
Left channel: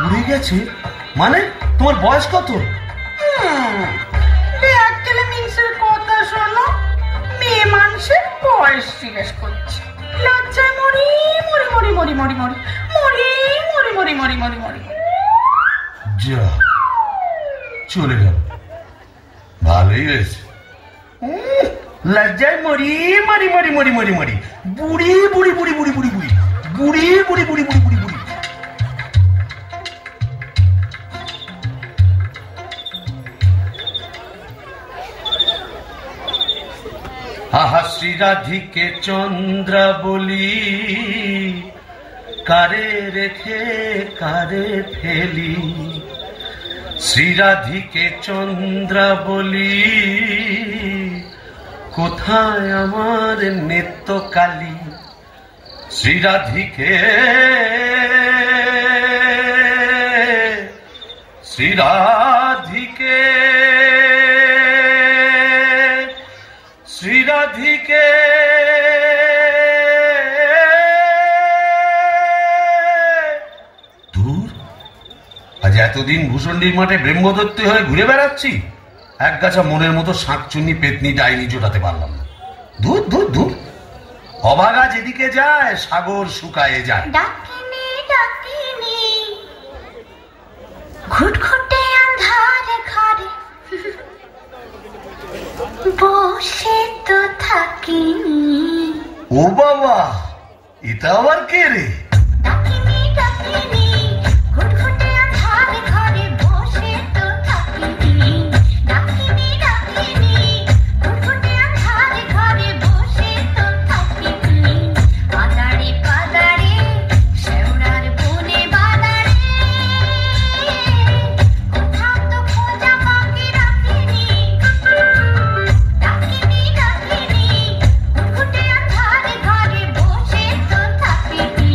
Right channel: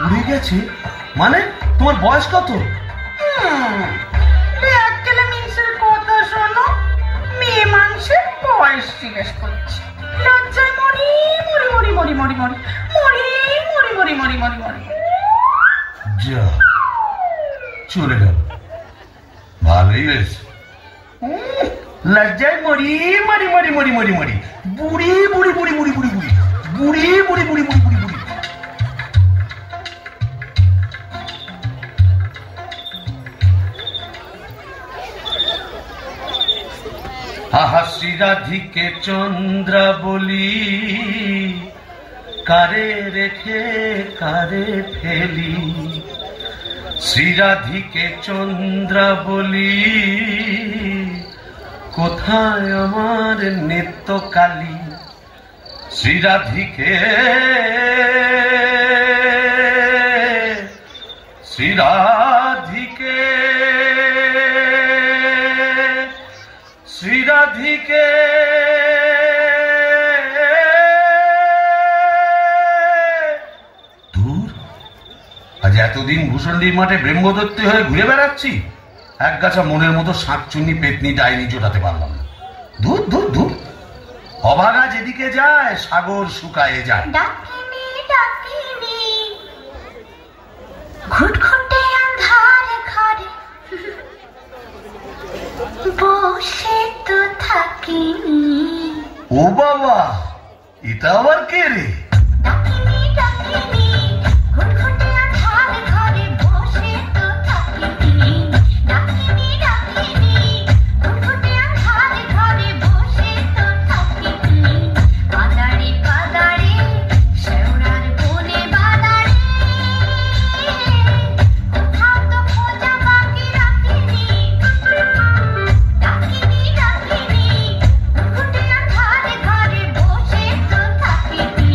উড়ে গেছে মানে? তোমার বয়স কত? ব্যাগ গেলে মিনসের কথা শোনো, মেয়ে মানুষের বয়স জিজ্ঞেস করছে। লজ্জায় মরি মরি মরি মরি মরি মরি মরি মরি মরি মরি মরি মরি। যা, চলে গেল, ভালোই হয়েছে। লজ্জায় মরি মরি মরি মরি মরি মরি বুড়ি বুড়ি বুড়ি বুড়ি বুড়ি বুড়ি বুড়ি বুড়ি বুড়ি বুড়ি বুড়ি বুড়ি। আহা শ্রীরাধিকে চন্দ্রা বলি, কারে রেখে কারে ফেলি। শ্রীরাধিকে চন্দ্রা বলি, কোথায় আমার নেত্রকালী। শ্রীরাধিকে শ্রীরাধিকে শ্রীরাধিকে দূর, আজ এতদিন ভূষণ্ডির মাঠে ব্রহ্মদত্ত হয়ে ঘুরে বেড়াচ্ছি, এক গাছা মনের মতো শাঁকচুন্নি পেতনি ডাইনি জোটাতে পারলাম না। দূর দূর দূর, অভাগা যেদিকে যায় সাগর শুকায়ে যায়। ডাকিনি ডাকিনি ঘুটঘুটে আন্ধার ঘরে বসে তো থাকিনি। ও বাবা, এটা আবার কে রে? ডাকিনি ডাকিনি ঘুটঘুটে আন্ধার ঘরে বসে তো থাকিনি। ডাকিনি ডাকিনি ঘুটঘুটে আন্ধার ঘরে বসে তো থাকিনি। বাদারে বাদারে শেওড়ার বনে বাদারে, কোথাও তো খোঁজা বাকি রাখিনি। ডাকিনি ডাকিনি ঘুটঘুটে আন্ধার ঘরে বসে তো থাকিনি।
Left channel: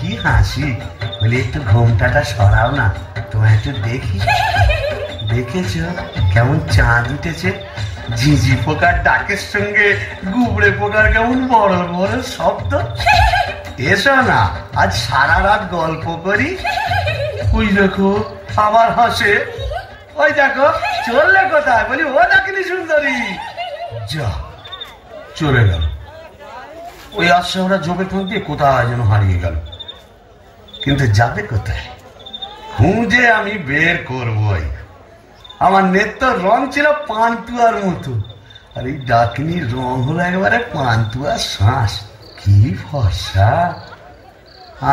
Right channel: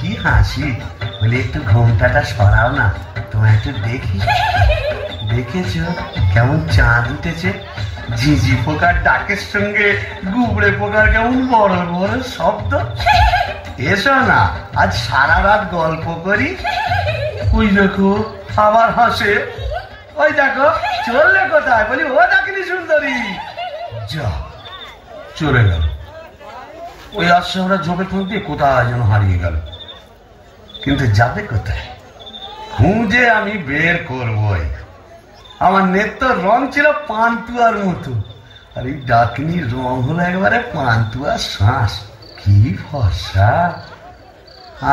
কি হাসি, বলি একটু ঘোমটাটা সরাও না, তোমায় একটু দেখি। দেখেছ কেমন চাঁদ উঠেছে? ঝিঝি পোকার ডাকের সঙ্গে গুবড়ে পোকার কেমন বড় বড় শব্দ। এসো না, আজ সারা রাত গল্প করি। ওই দেখো আবার হাসে, ওই দেখো চললে কোথায়? বলি ও ডাকিনি সুন্দরী। যা চলে গেল। ওই আসছে আমরা যোগে ঠোক দিয়ে কোথায় যেন হারিয়ে গেল। কিন্তু যাবে কোথায়? খুঁজে আমি বের করবই। আমার নেত্র রং ছিল পান্তুয়ার মতো, আর এই ডাকিনীর রং হলো একবারে পান্তুয়ার শ্বাস। কি ফর্সা!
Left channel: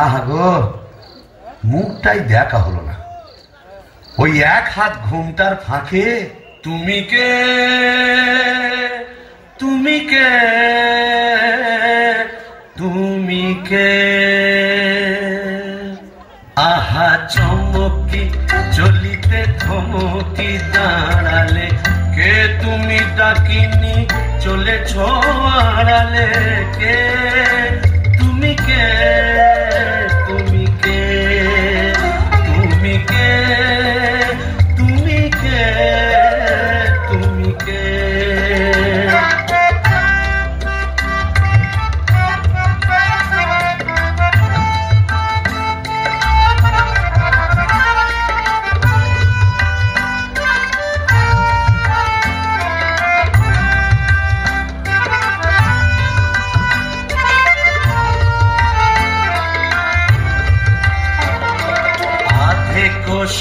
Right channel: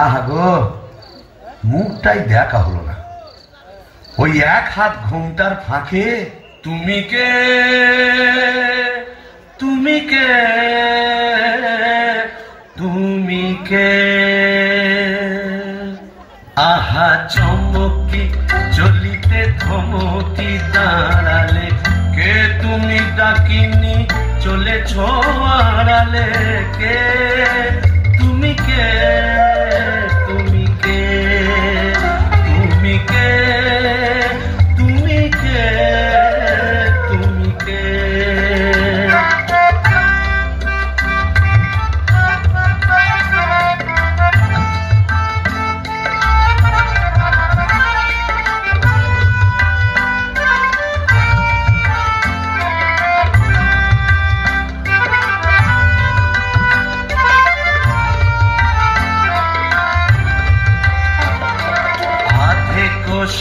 আহা গো, মুখটাই দেখা হলো না। ওই এক হাত ঘুমটার ফাঁকে তুমি কে, তুমি কে, তুমি কে। আহা চমকি চলিতে থমকি দাঁড়ালে, কে তুমি ডাকিনি চলেছ আড়ালে। কে তুমি কে, তুমি কে, তুমি কে, তুমি কে, তুমি কে।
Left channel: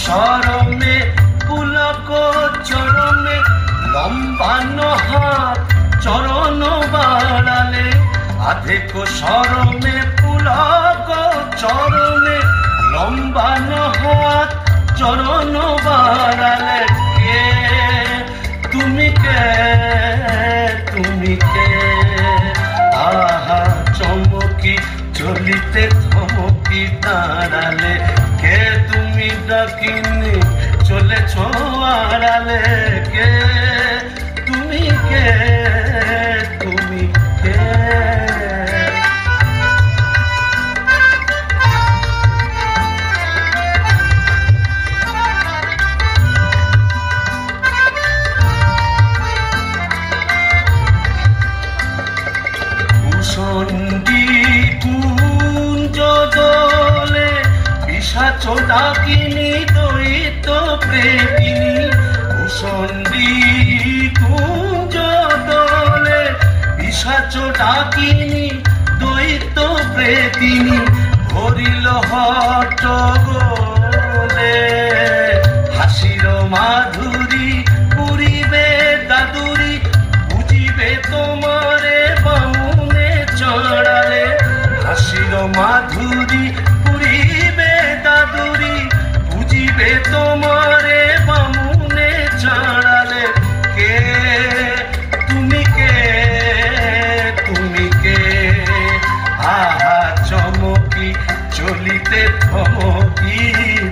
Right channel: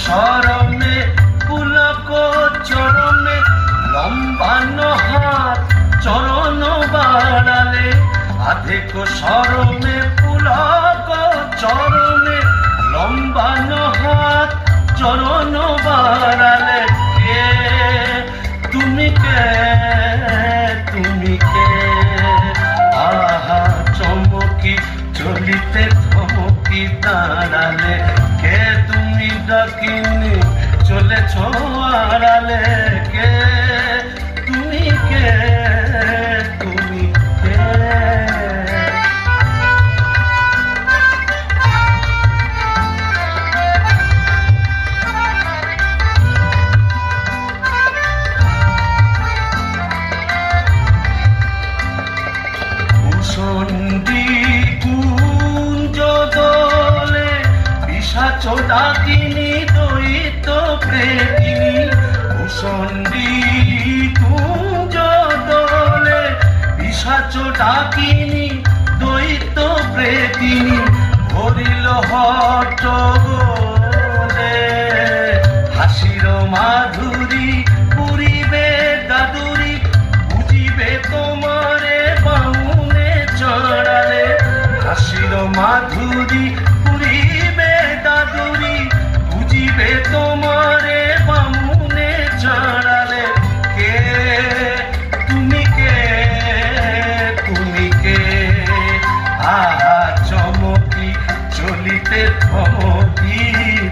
সরমে পুলক চরণে লম্বানো হাত চরণ বাড়ালে। আধেক সরমে পুলক চরণে লম্বানো হাত চরণ বাড়ালে। কে তুমি কে, তুমি কে। আহা চমকি চলিতে থমকি দাঁড়ালে, কে তুমি ডাকিনি চলেছ আড়ালে। কে তুমি কে, তুমি কে। ভূষণ্ডী কুঞ্জ দলে পিশাচ ডাকিনী দৈত্য প্রেমিনী। ভূষণ্ডী কুঞ্জ দলে পিশাচ ডাকিনী দৈত্য প্রেমিনী। ভরিল হট গোলে হাসির মাধুরী, পুরিবে দাদুরি বুঝিবে তোমারে বামুনে চড়ালে। হাসির মাধুরী পুরিবে দাদুরি বুঝিবে তোমারে বামুনে চড়ালে। কে তুমি কে, তুমি কে। আহা চমকি চলিতে থমকি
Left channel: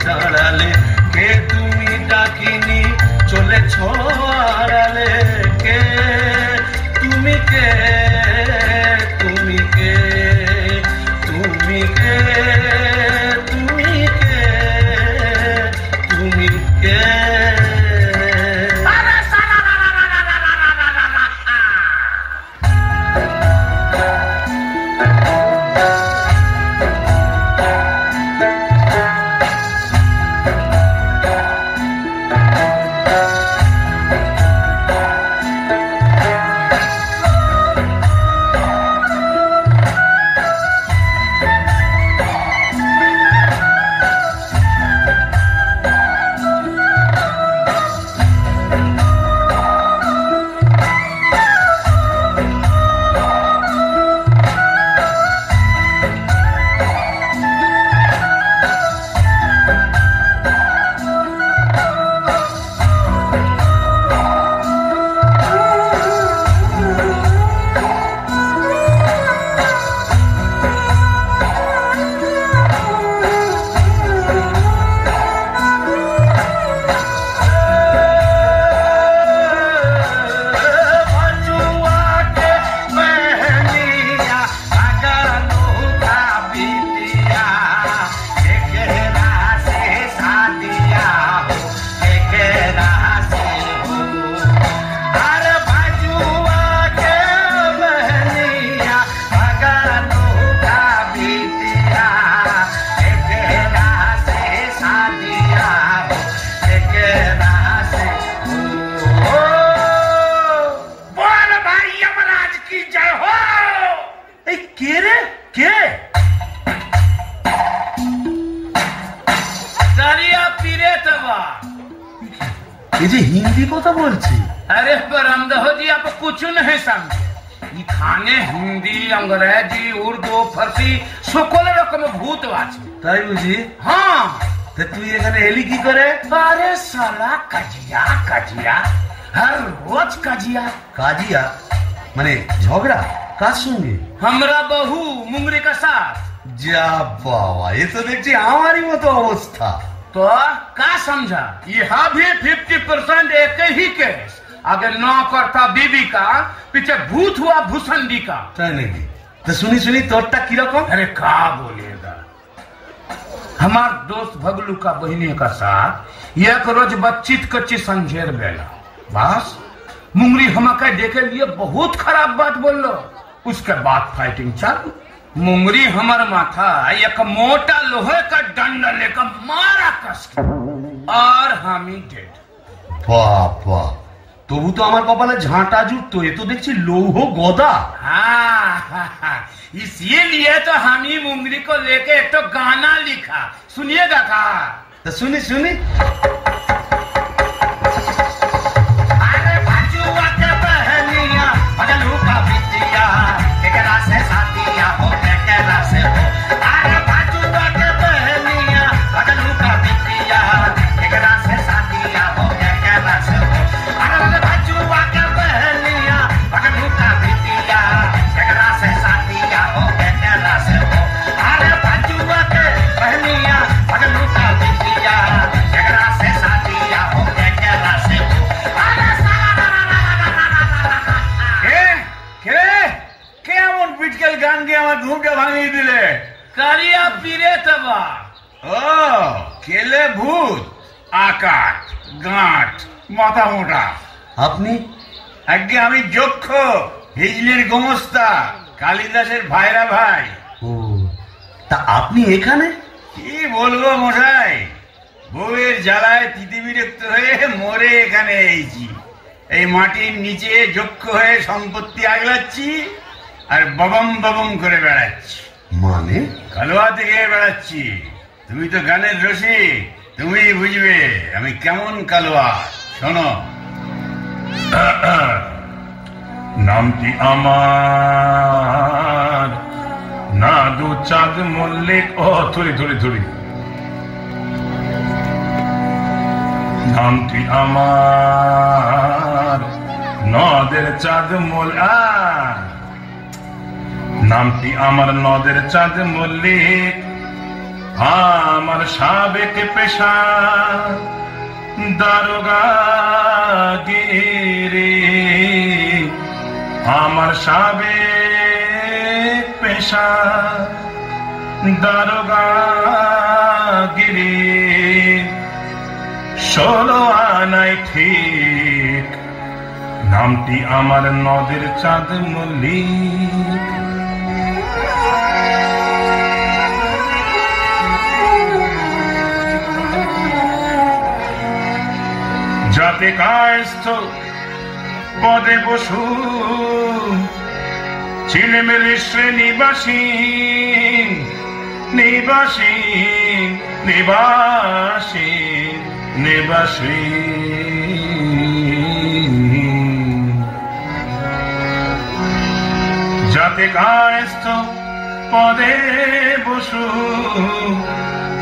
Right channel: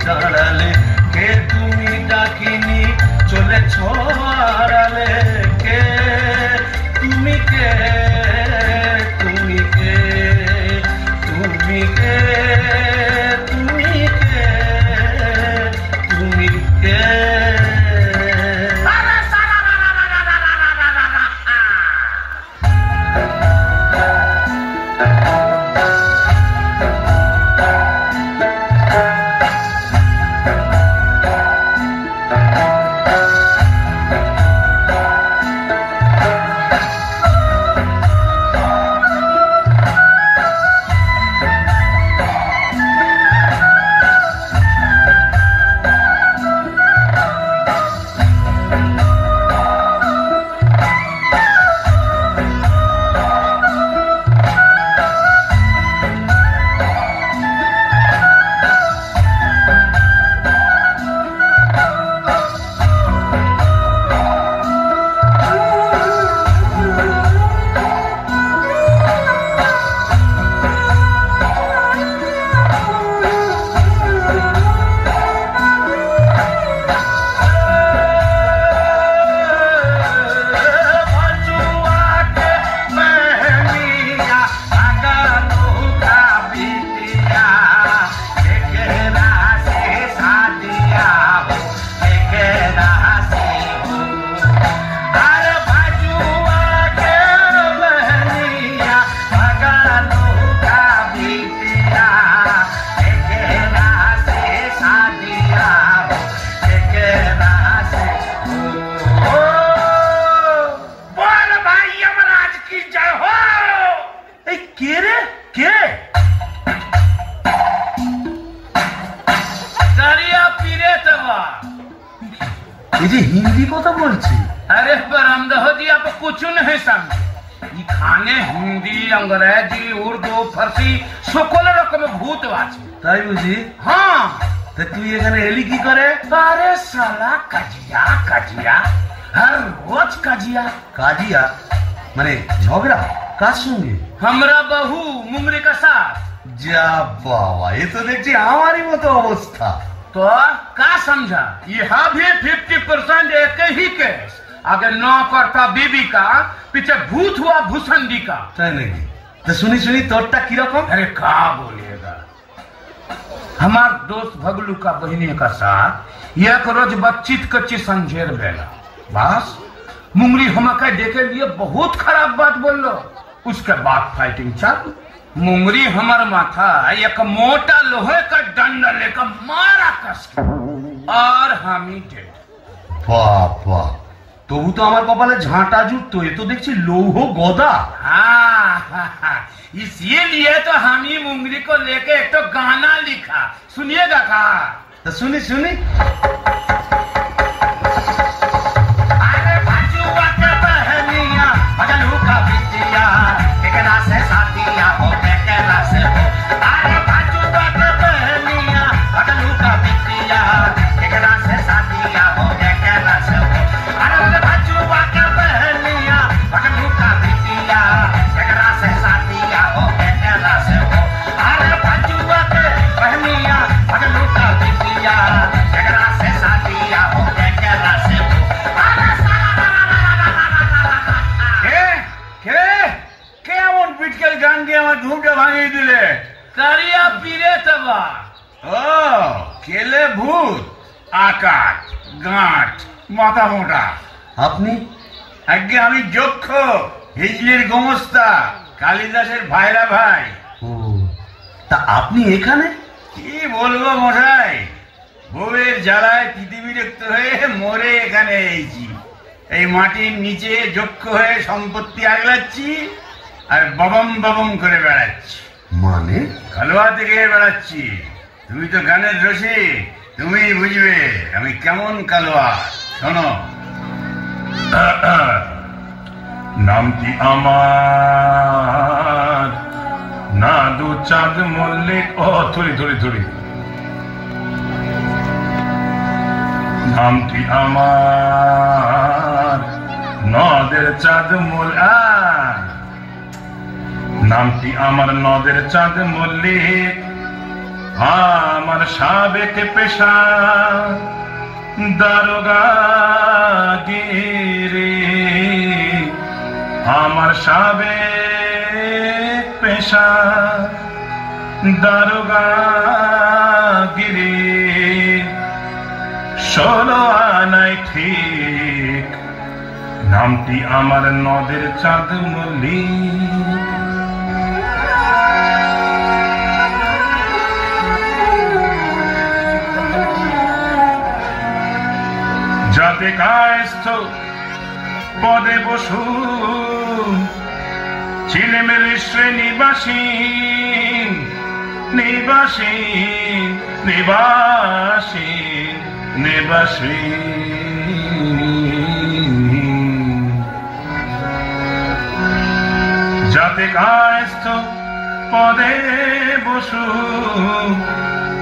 দাঁড়ালে, কে তুমি ডাকিনি চলেছ আড়ালে। কে তুমি কে, তুমি কে, তুমি কে, তুমি কে, তুমি কে। এই যে হিন্দি কথা বলছি। अरे बरामदह जी आप कुछ नहीं समझे এখানে হিন্দি अंग्रेजी उर्दू फारसी সকল রকম ভূত আছে। তাই বুঝি? হ্যাঁ। তা তুই এখানে এলি কি করে? अरे साला কাজিয়া কাজিয়া हर रोज কাজিয়া। কাজিয়া মানে ঝগড়া? কার সঙ্গে? हमरा बहू मुंगरी का साथ। যা বাবা, এ তো দেখছি আমারই মতো অবস্থা। तो क्या समझा? यहाँ भी 50% एक ही केस। अगर नौ करता बीबी का पीछे भूत हुआ भूसंडी का। তাই নাকি? তো শুনি শুনি তোরটা কিরকম? अरे क्या बोलिएगा, हमार दोस्त भगलू का बहनी का साथ एक रोज बच्चित कच्ची संझेर बेला बस मुंगरी हमका देखे लिए बहुत खराब बात बोल लो। उसके बाद फाइटिंग चालू। मुंगरी हमार माथा एक मोटा लोहे का डंडा लेकर मारा कस और हम ही डेड। বাবা, তবু তো আমার কপালে ঝাঁটা জুটতো, এ তো দেখছি লৌহ গদা। हाँ, इसीलिए तो हम ही मुंगरी को लेके एक तो गाना लिखा, सुनिएगा का? তা শুনি শুনি। अरे बाजुआ के बहनिया बगलू का बिटिया केकरा से साथिया हो केकरा से हो। अरे बाजुआ के बहनिया बगलू का बिटिया केकरा से साथिया हो केकरा से हो। अरे बाजुआ के बहनिया बगलू का बिटिया केकरा से साथिया हो केकरा से हो। अरे बाजुआ के बहनिया बगलू का बिटिया केकरा से साथिया हो केकरा से हो। কেমন পিটকেল গান দিয়ে আমার ঘুমটা ভাঙিয়ে দিলে? কারিয়া পীরে তবা। ও কেলে ভূত, আকাশ গাঁট মাথা মোটা। আপনি? আগে আমি যক্ষ, হিজলির গোমস্তা, কালিদাসের ভাইরা ভাই। ও, তা আপনি এখানে? কি বলবো মশাই, বউয়ের জ্বালায় তিতি বিরক্ত হয়ে মরে এখানে এসেছি। এই মাটির নিচে যক্ষ হয়ে সম্পত্তি আগলাচ্ছি আর ববম ববম করে বেড়াচ্ছি। মানে? কালোয়া থেকে বেড়াচ্ছি। তুমি তো গানের রসি, তুমি বুঝবে আমি কেমন কালোয়া। শোনো, নামটি আমার নাদু চাঁদ মল্লিক। ও থুরি থুরি থুরি। নামটি আমার নদের চাঁদ মল্লিক। নামটি আমার নদের চাঁদ মল্লিক। আমার সাবেক পেশা দারোগাগিরি। আমার সাবেক পেশা দারোগাগিরি। 16 আনাই ঠিক। নামটি আমার নদের চাঁদ মল্লিক। যাতে কায়স্থ পদে বসু ছিলেমেলে শ্রেণীবাসী নিবাসী নিবাসী নিবাসী। যাতে কায়স্থ পদে বসু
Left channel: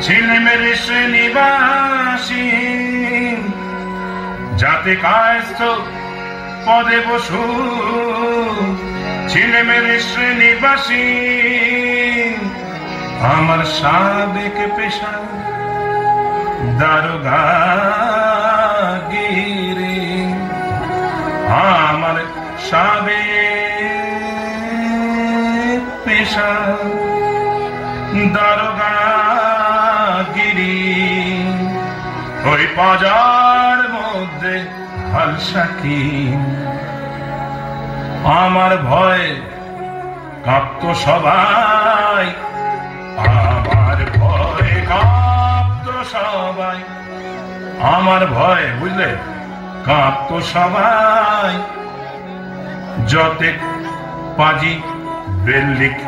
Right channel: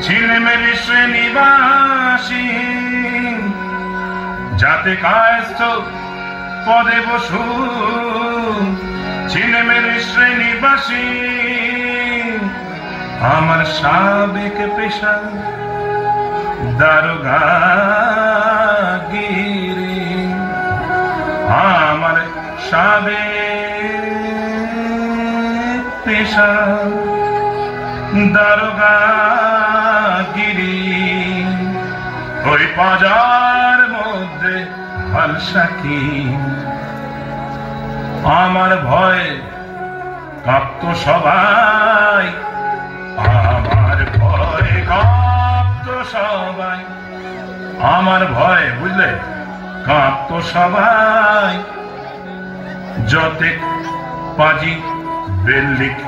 ছিলেমেলে শ্রেণীবাসী। যাতে কায়স্থ পদে বসু ছিলেমেলে শ্রেণীবাসী। আমার সাবেক পেশা দারোগাগিরি। আমার সাবেক পেশা দারোগাগিরি। ওই বাজার মধ্যে হালসাকি। আমার ভয় কাঁপতো সবাই। আমার ভয় কাঁপতো সবাই। আমার ভয় বুঝলে কাঁপতো সবাই। যতে পাজি বেল্লিক।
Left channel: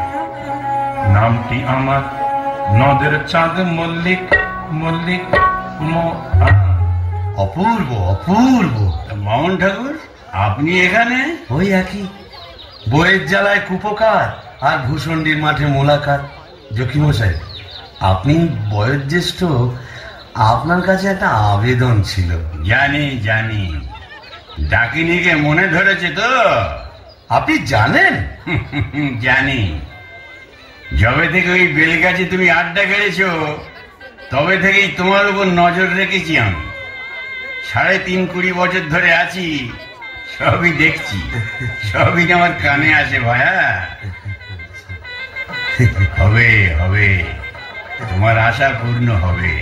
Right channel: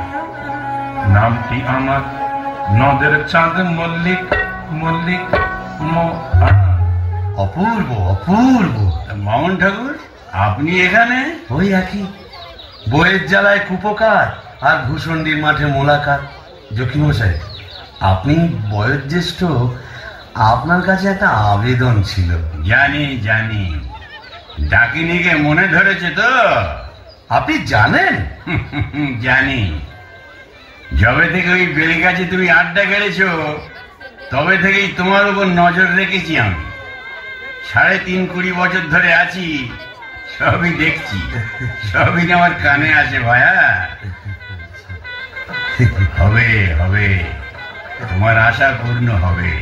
নামটি আমার নদের চাঁদ মল্লিক মল্লিক। অপূর্ব অপূর্ব। মামুন ঠাকুর, আপনি এখানে? ওই একই, বইয়ের জ্বালায় কুপকার আর ভূষণ্ডির মাঠে মোলাকাত। জকিমশাই, আপনি বয়োজ্যেষ্ঠ, আপনার কাছে একটা আবেদন ছিল। জানি জানি, ডাকিনিকে মনে ধরেছে তো? আপনি জানেন? জানি। যবে থেকে ওই বেলগাছে তুমি আড্ডা গেড়েছো, তবে থেকেই তোমার উপর নজর রেখেছি আমি। ৩.৫-২০ বছর ধরে আছি, সবই দেখছি, সবই আমার কানে আসে ভায়া। হবে হবে, তোমার আশা পূর্ণ হবে।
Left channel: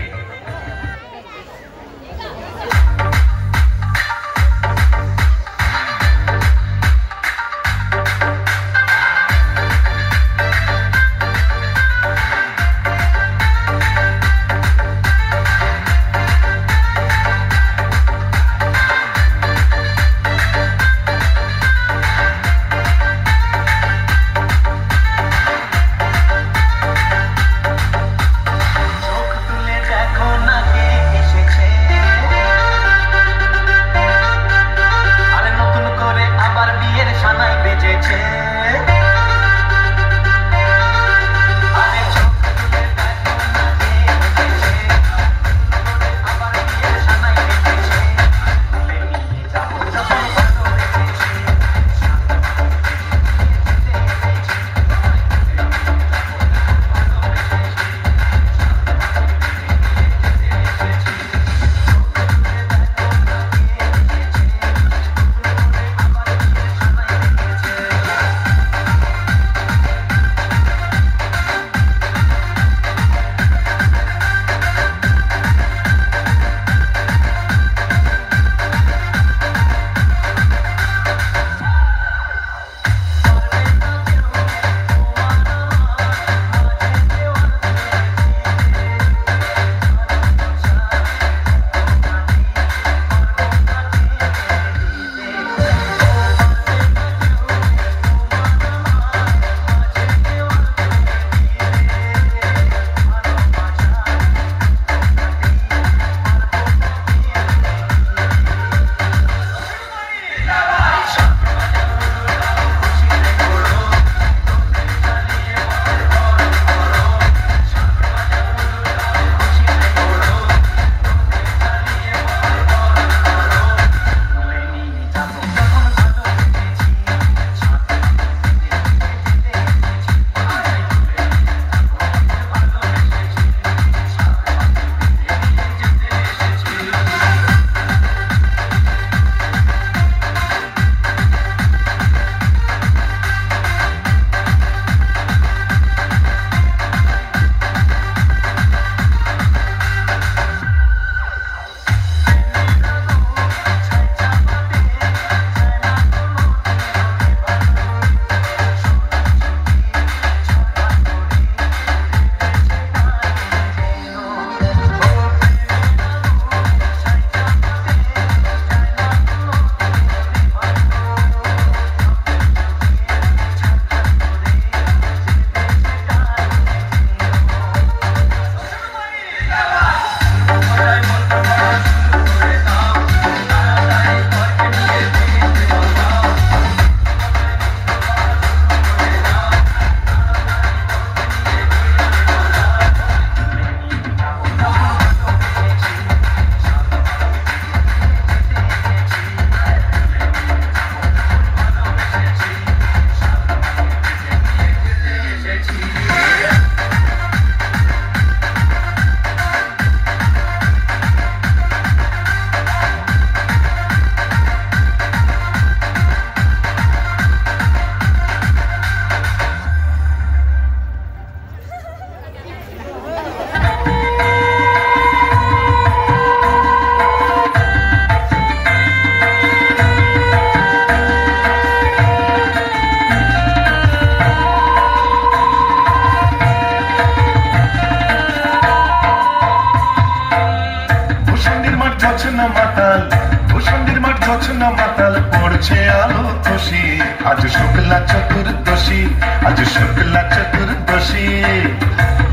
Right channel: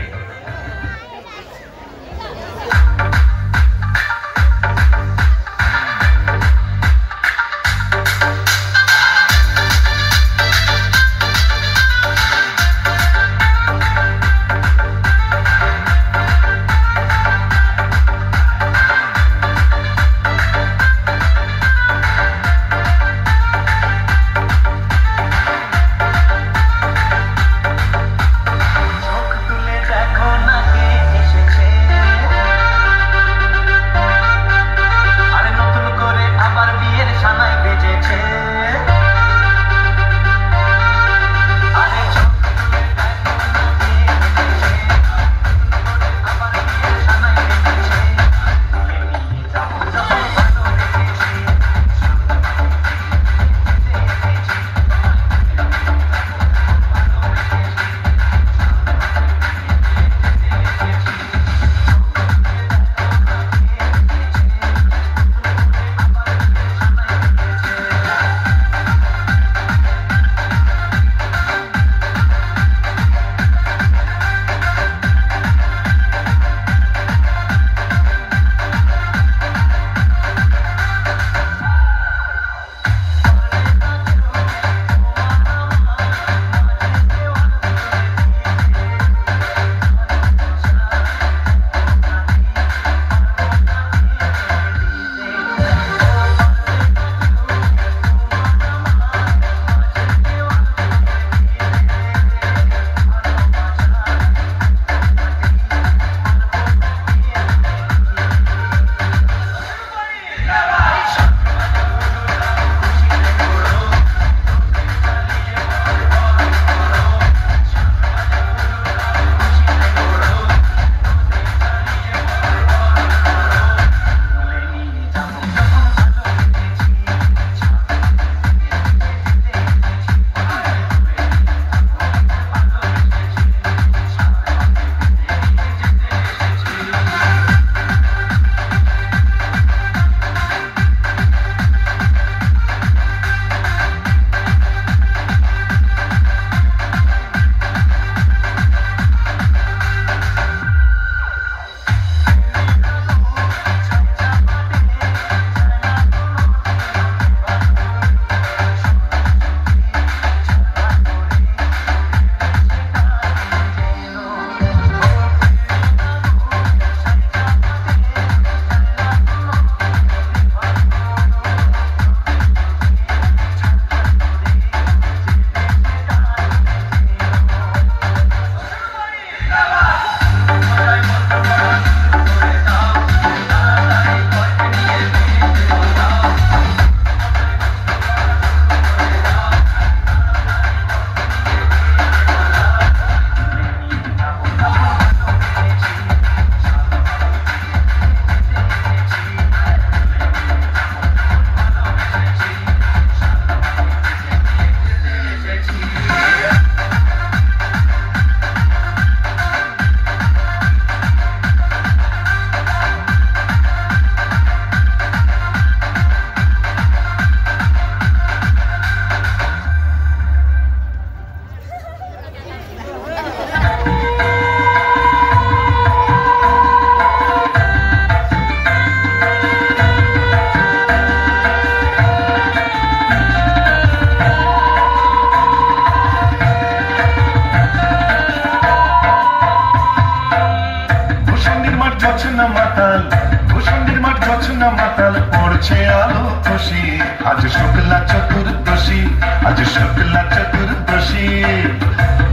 आज शुक्ला चतुर्दशी आज शुक्ला चतुर्दशी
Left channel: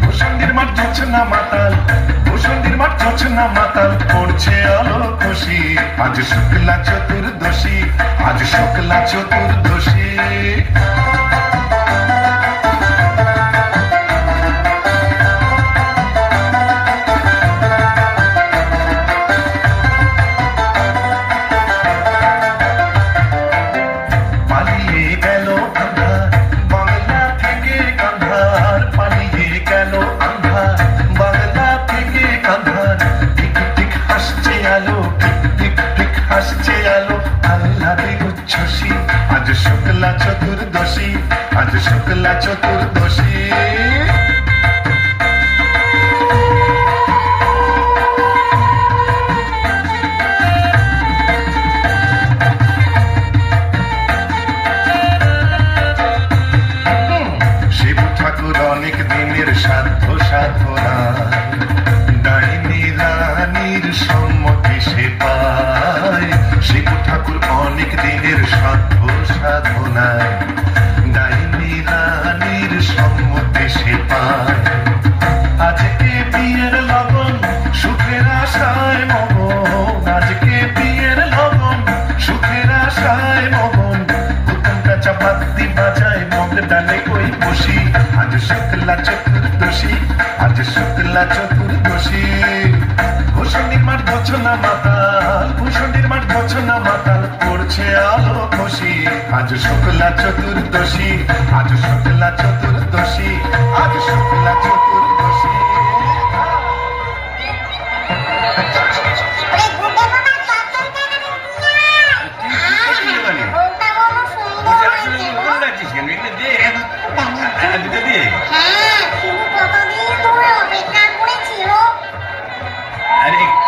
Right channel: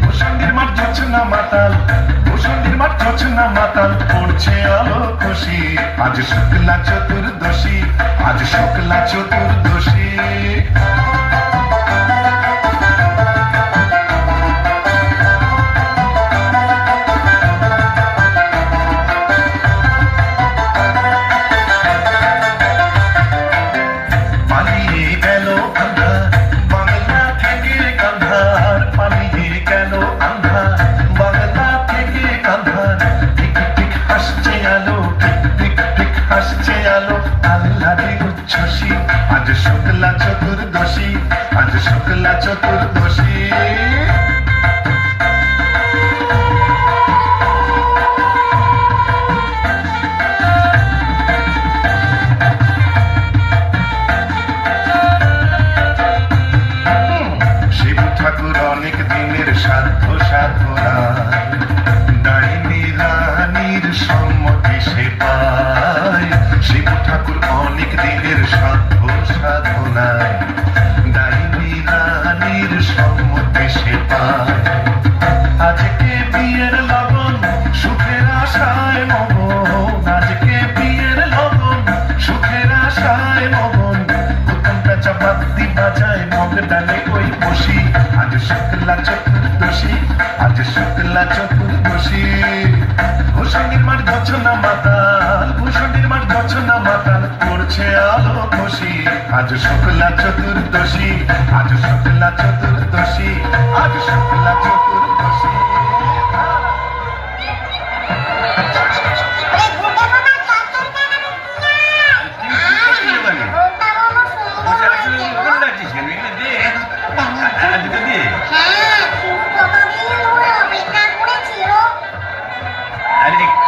ভূষণ্ডির মাঠ জোছনা মাতাল ভূষণ্ডির মাঠ জোছনা মাতাল পড়ছে আলো খুশি চতুর্দশী আজ শুক্লা চতুর্দশী আজ শুক্লা চতুর্দশী শুক্লা চতুর্দশী আজ শুক্লা চতুর্দশী শিব ঠাকুর অনেক দিনের সাধ্য সাধনা ডাইনি রানীর সম্মতি সে পায় শিব ঠাকুর অনেক দিনের সাধ্য সাধনায় ডাইনি রানীর সম্মতি সে পায় আজকে বিয়ের লগন সুখের আশায় মগন আজকে বিয়ের লগন সুখের আশায় মগন উত্তমটা চাপাতি বাজায় মগ ডালে ওই বসি আজ শুক্লা চতুর্দশী আজ শুক্লা চতুর্দশী ভূষণীর মাঠ গছনা মাতাল ভূষণীর মাঠ গছনা মাতাল করছে আলো খুশি আজ শুক্লা চতুর্দশী আজ শুক্লা চতুর্দশী আজ শুক্লা চতুর্দশী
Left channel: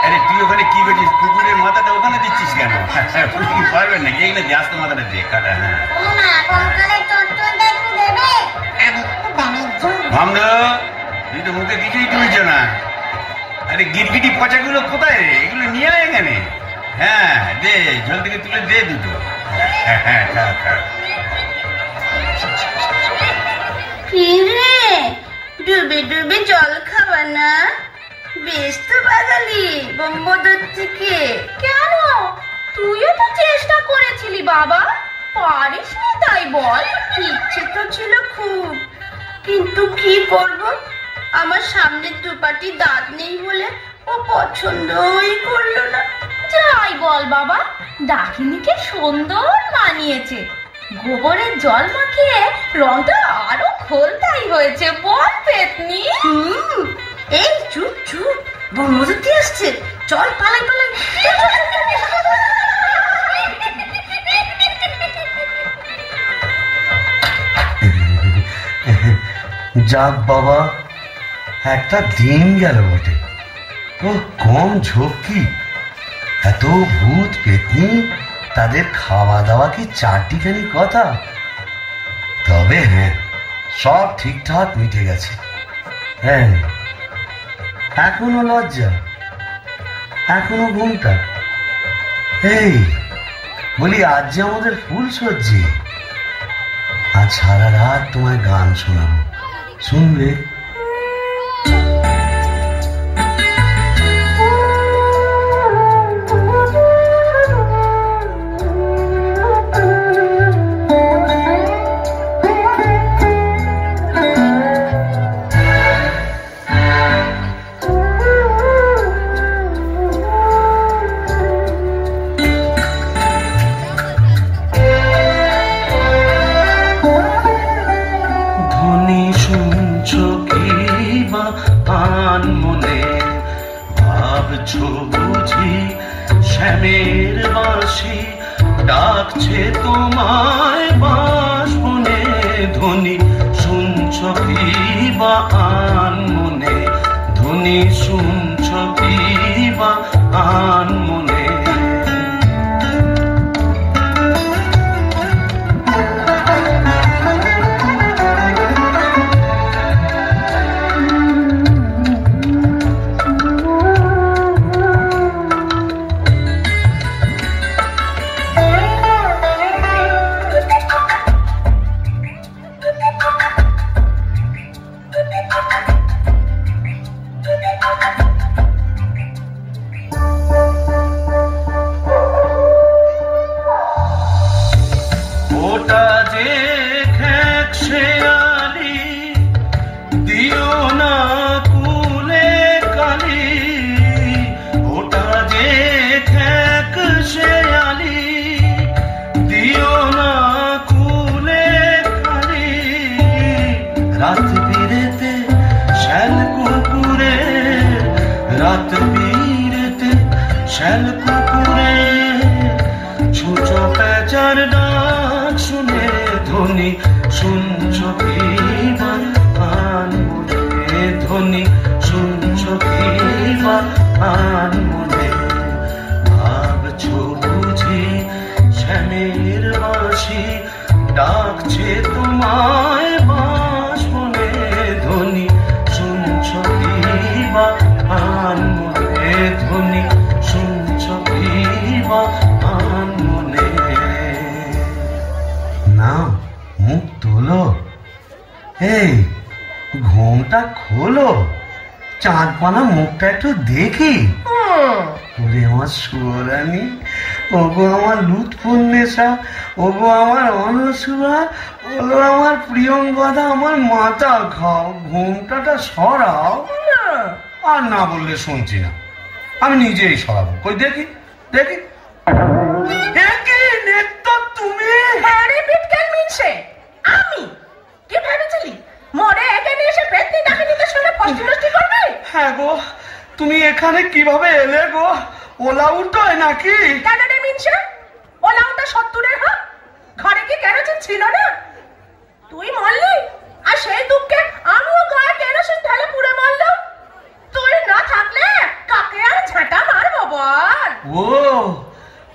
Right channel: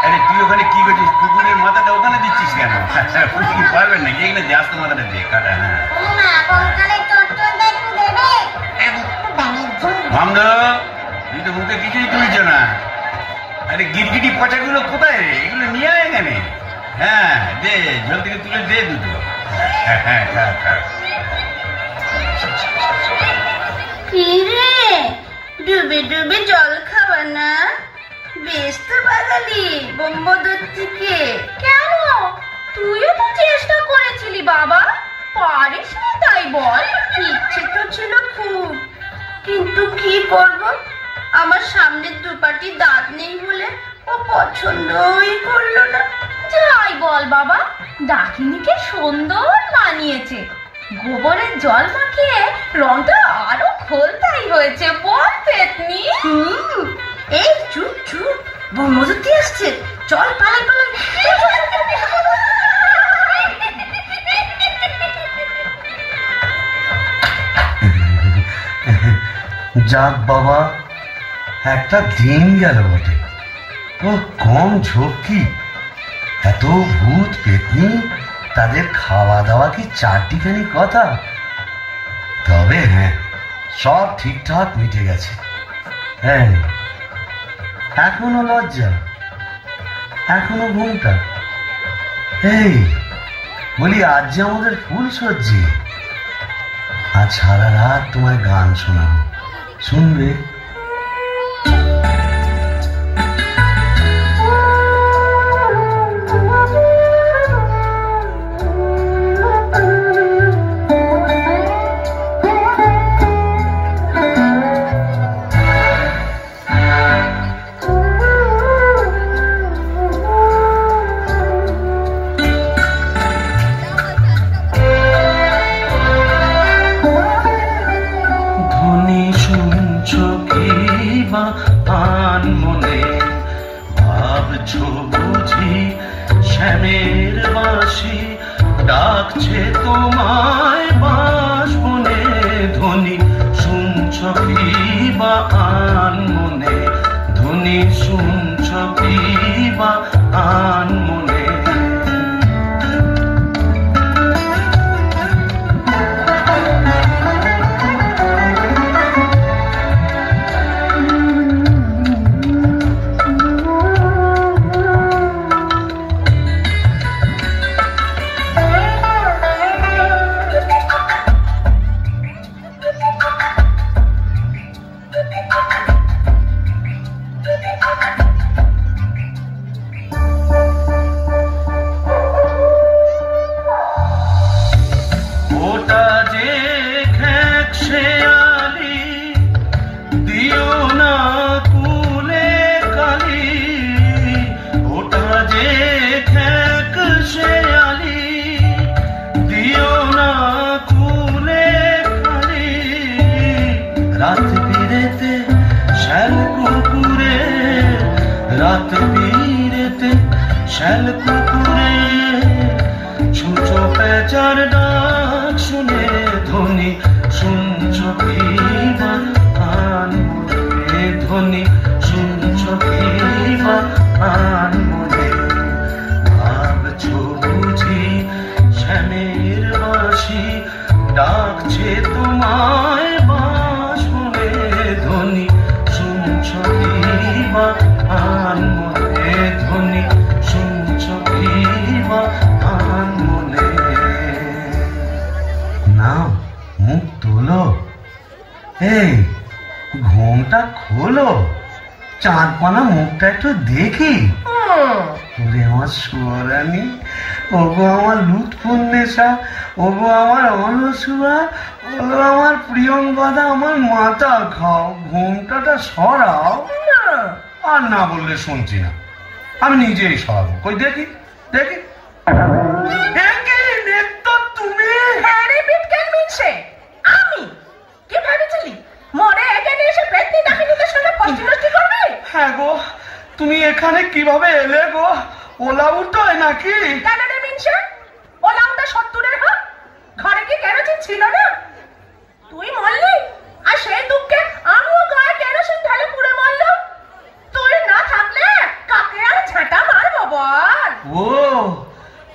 আরে তুই ওখানে কি করছিস কুকুরের মাথাটা ওখানে দিচ্ছিস কেন কি পারবেন নাকি এখানে দিয়ে আসতে মাথাটা দিয়ে কাটা না ভামদা তুই তো মুখে কিছুই তুলছ না আরে গিরগিটি পচাগুলো কোথায় রে এগুলো নিয়ে আয় এখানে হ্যাঁ দে জল থেকে তুলে দে দুটো হ্যাঁ ডুবে ডুবে জল খাওয়া না বেশ তো বাঙালি বোম্বদর থেকে কেন তুইও তো চেষ্টা করেছিলি বাবা পারিস না তাই বল ইচ্ছে তো ছিল খুব কিন্তু কি করব আমার সামনের দুপাটি দাঁত নেই বলে ও পছন্দই করলো না যাই বল বাবা ডাকিনিকে সুন্দর মানিয়েছে গোবরের জল মাখিয়ে রংটা আরো খোলতাই হয়েছে বল পেতনি এই চুপ চুপ বনমজুতি আসছে চল পালাই পালাই যাক বাবা একটা দিন গেল বটে ও কম ঝক্কি এত ভূত পেতনি তাদের খাওয়া দাওয়া কি চারটিখানি কথা তবে হ্যাঁ সব ঠিকঠাক মিটে গেছে হ্যাঁ এখনো লজ্জা এখনো ঘুমটা এই বলি আজ যে আমাদের ফুল সজ্জি আজ সারা রাত তোমায় গান শোনাবো শুনবে শ্যামের বাঁশি ডাকছে তোমায় বাঁশবনে ধ্বনি শুনছ কি বা আন মনে ধ্বনি শুনছ কি বা আন মনে চাঁদপানা মুখটা একটু দেখি। ওরে আমার সুরানি, ওগো আমার লুৎফুন্নেসা, ওগো আমার অনসুয়া, ওগো আমার প্রিয়ঙ্গদা, আমার মাথা খাও, ঘুমটাটা সরাও। আর না বললে শুনছি না, আমি নিজেই সরাবো। কই দেখি দেখি। তুমি আমি কি ভেবেছিলি মরে এখানে এসে পেতনি ডাকিনীদের সঙ্গে ফষ্টি নষ্টি করবে? হ্যাঁ গো, তুমি এখানে কিভাবে এলে গো? ওলা উল্টোয় নাকি? কেন রে মিনসে? ওলা উল্টা 70-এর হোক, ঘরে কি কেরোসিন ছিল না? তুই মরলি আর সেই দুঃখে আমিও গায়ে কেরোসিন ঢেলে পুড়ে মরলো। তুই না থাকলে কাকে আর ঝাঁটা মারবো বল? ও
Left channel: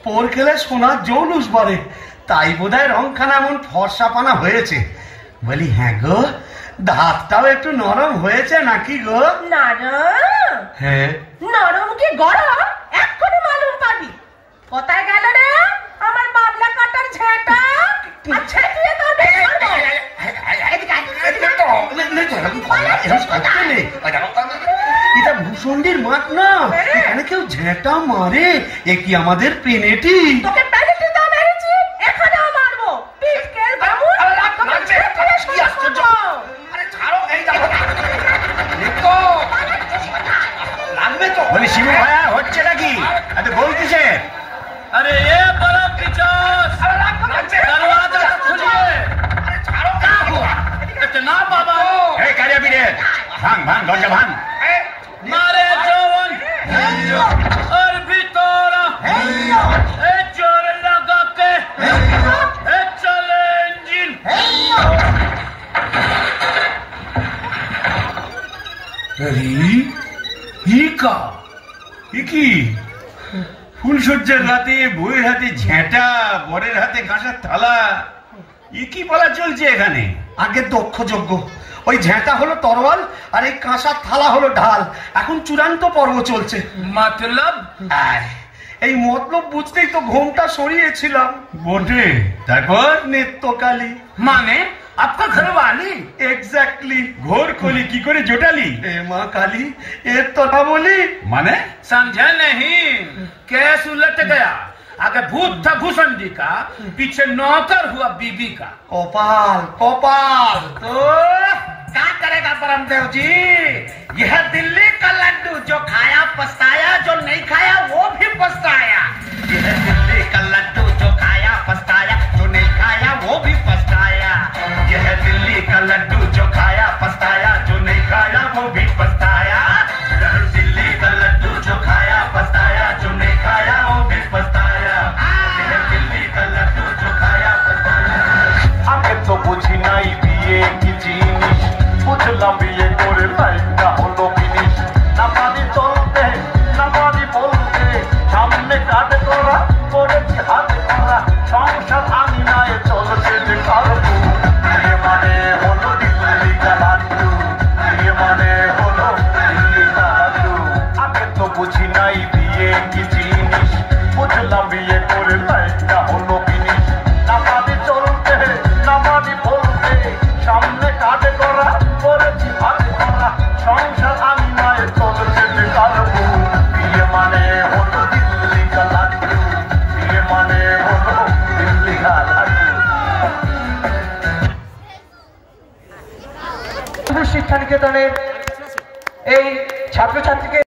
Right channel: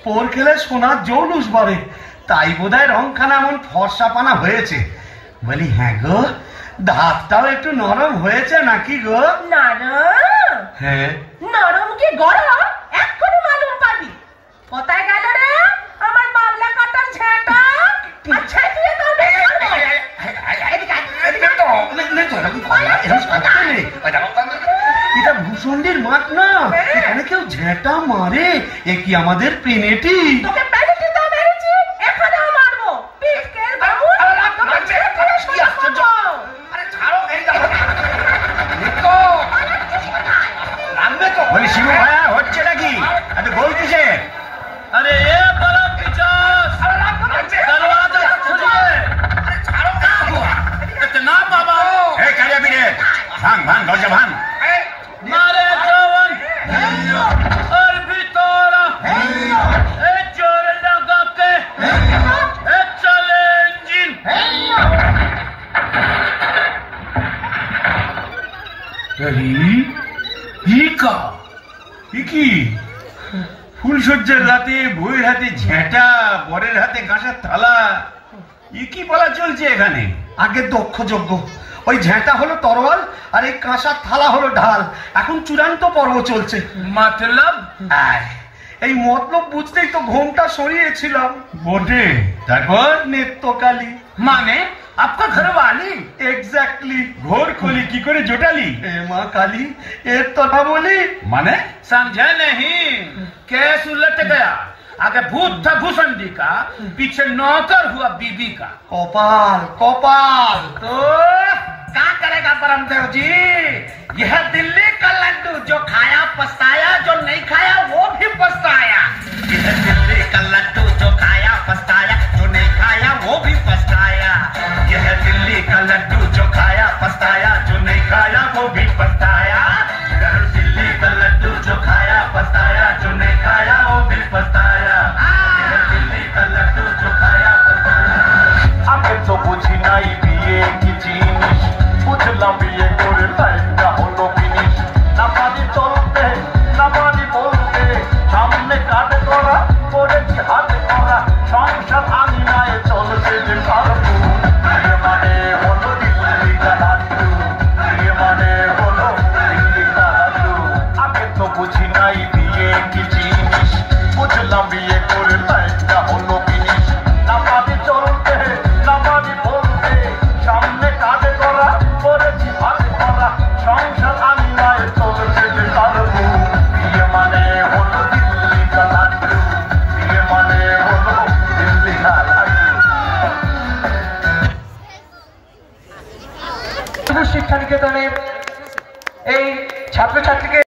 পোর খেলে সোনার জৌলুস বাড়ে, তাই বোধহয় রংখানা এমন ফর্সাপানা হয়েছে। বলি হ্যাঁ গো, দাঁতটাও একটু নরম হয়েছে নাকি গো? নরম? হ্যাঁ। নরম কি গরম এক্ষুনি মালুম পাবি। কোথায় গেল রে আমার বাবলা কাটার ঝাঁটা? আচ্ছা তুই তো এটা ভূষণ্ডির মাঠ না, এখানে কেউ ঝেঁটা মারে? এ কি আমাদের পেনেটি? তোকে পেনেটি দাও মেরেছি, এখানেও মারবো। পিকেল বাবু বলি শিবু ভাইয়া হচ্ছে নাকি? এত গোল কিসে? अरे ये बड़ा पिचास दरवाजा खुलिए। इतना बाबा এই কারিয়া পিড়ে ভাঙ ভাঙ দরজা ভাঙ। मारे जवान और भीतरा ए जोर लगा के ए चले इंजन। কি ফুলসজ্জার রাতে বউয়ের হাতে ঝেঁটা, বরের হাতে কাঁসার থালা, এ কি বলা চলছে এখানে? আগে দক্ষ যজ্ঞ, ওই ঝেঁটা হলো তরোয়াল আর এই কাঁসার থালা হলো ঢাল। এখন চূড়ান্ত পর্ব চলছে। मतलब এই মতলব বুঝতেই তো ঘোমটা সরিয়েছিলাম। বটে, তারপর নেত্রকালী माने आपका घर वाली এক্স্যাক্টলি। ঘোর কলি কি করে জোটালি? এ মা কালী, এর তো না বলি। মানে समझे नहीं? केस उलट गया। आगे भूत था भूषण जी का, पीछे नौकर हुआ बीबी का। কপাল কপাল। तो क्या करेगा परमदेव जी? यह दिल्ली का लड्डू जो खाया पछताया, जो नहीं खाया वो भी पछताया। यह दिल्ली का लड्डू जो खाया पछताया, जो नहीं खाया वो भी पछताया। यह दिल्ली का लड्डू जो खाया पछताया, जो नहीं खाया वो भी पछताया। यह दिल्ली का लड्डू जो खाया पछताया, जो नहीं खाया वो भी पछताया। यह दिल्ली का लड्डू जो खाया पछताया। আগে তো বুঝি নাই বিয়ে কি জিনিস, বুঝলাম বিয়ে করে লাইফটা হলো ফিনিশ। না পারি চলতে না পারি বলতে, সামনে কাটে করা করেছি হাতে করা, সংসার আমি নাই চলছে যে কারণে। বিয়ে মানে হলো দিল্লি কা লাড্ডু, বিয়ে মানে হলো দিল্লি কা লাড্ডু। আগে তো বুঝি নাই বিয়ে কি জিনিস, বুঝলাম বিয়ে করে লাইফটা হলো ফিনিশ। না পারি চলতে না পারি বলতে, সামনে কাটে করা করেছি হাতে করা, সংসার আমি নাই চলছে যে কারণে। বিয়ে মানে হলো দিল্লি কা লাড্ডু, বিয়ে মানে হলো দিল্লি কা লাড্ডু। শিক্ষা নিকেতনের এই ছাত্রছাত্রীকে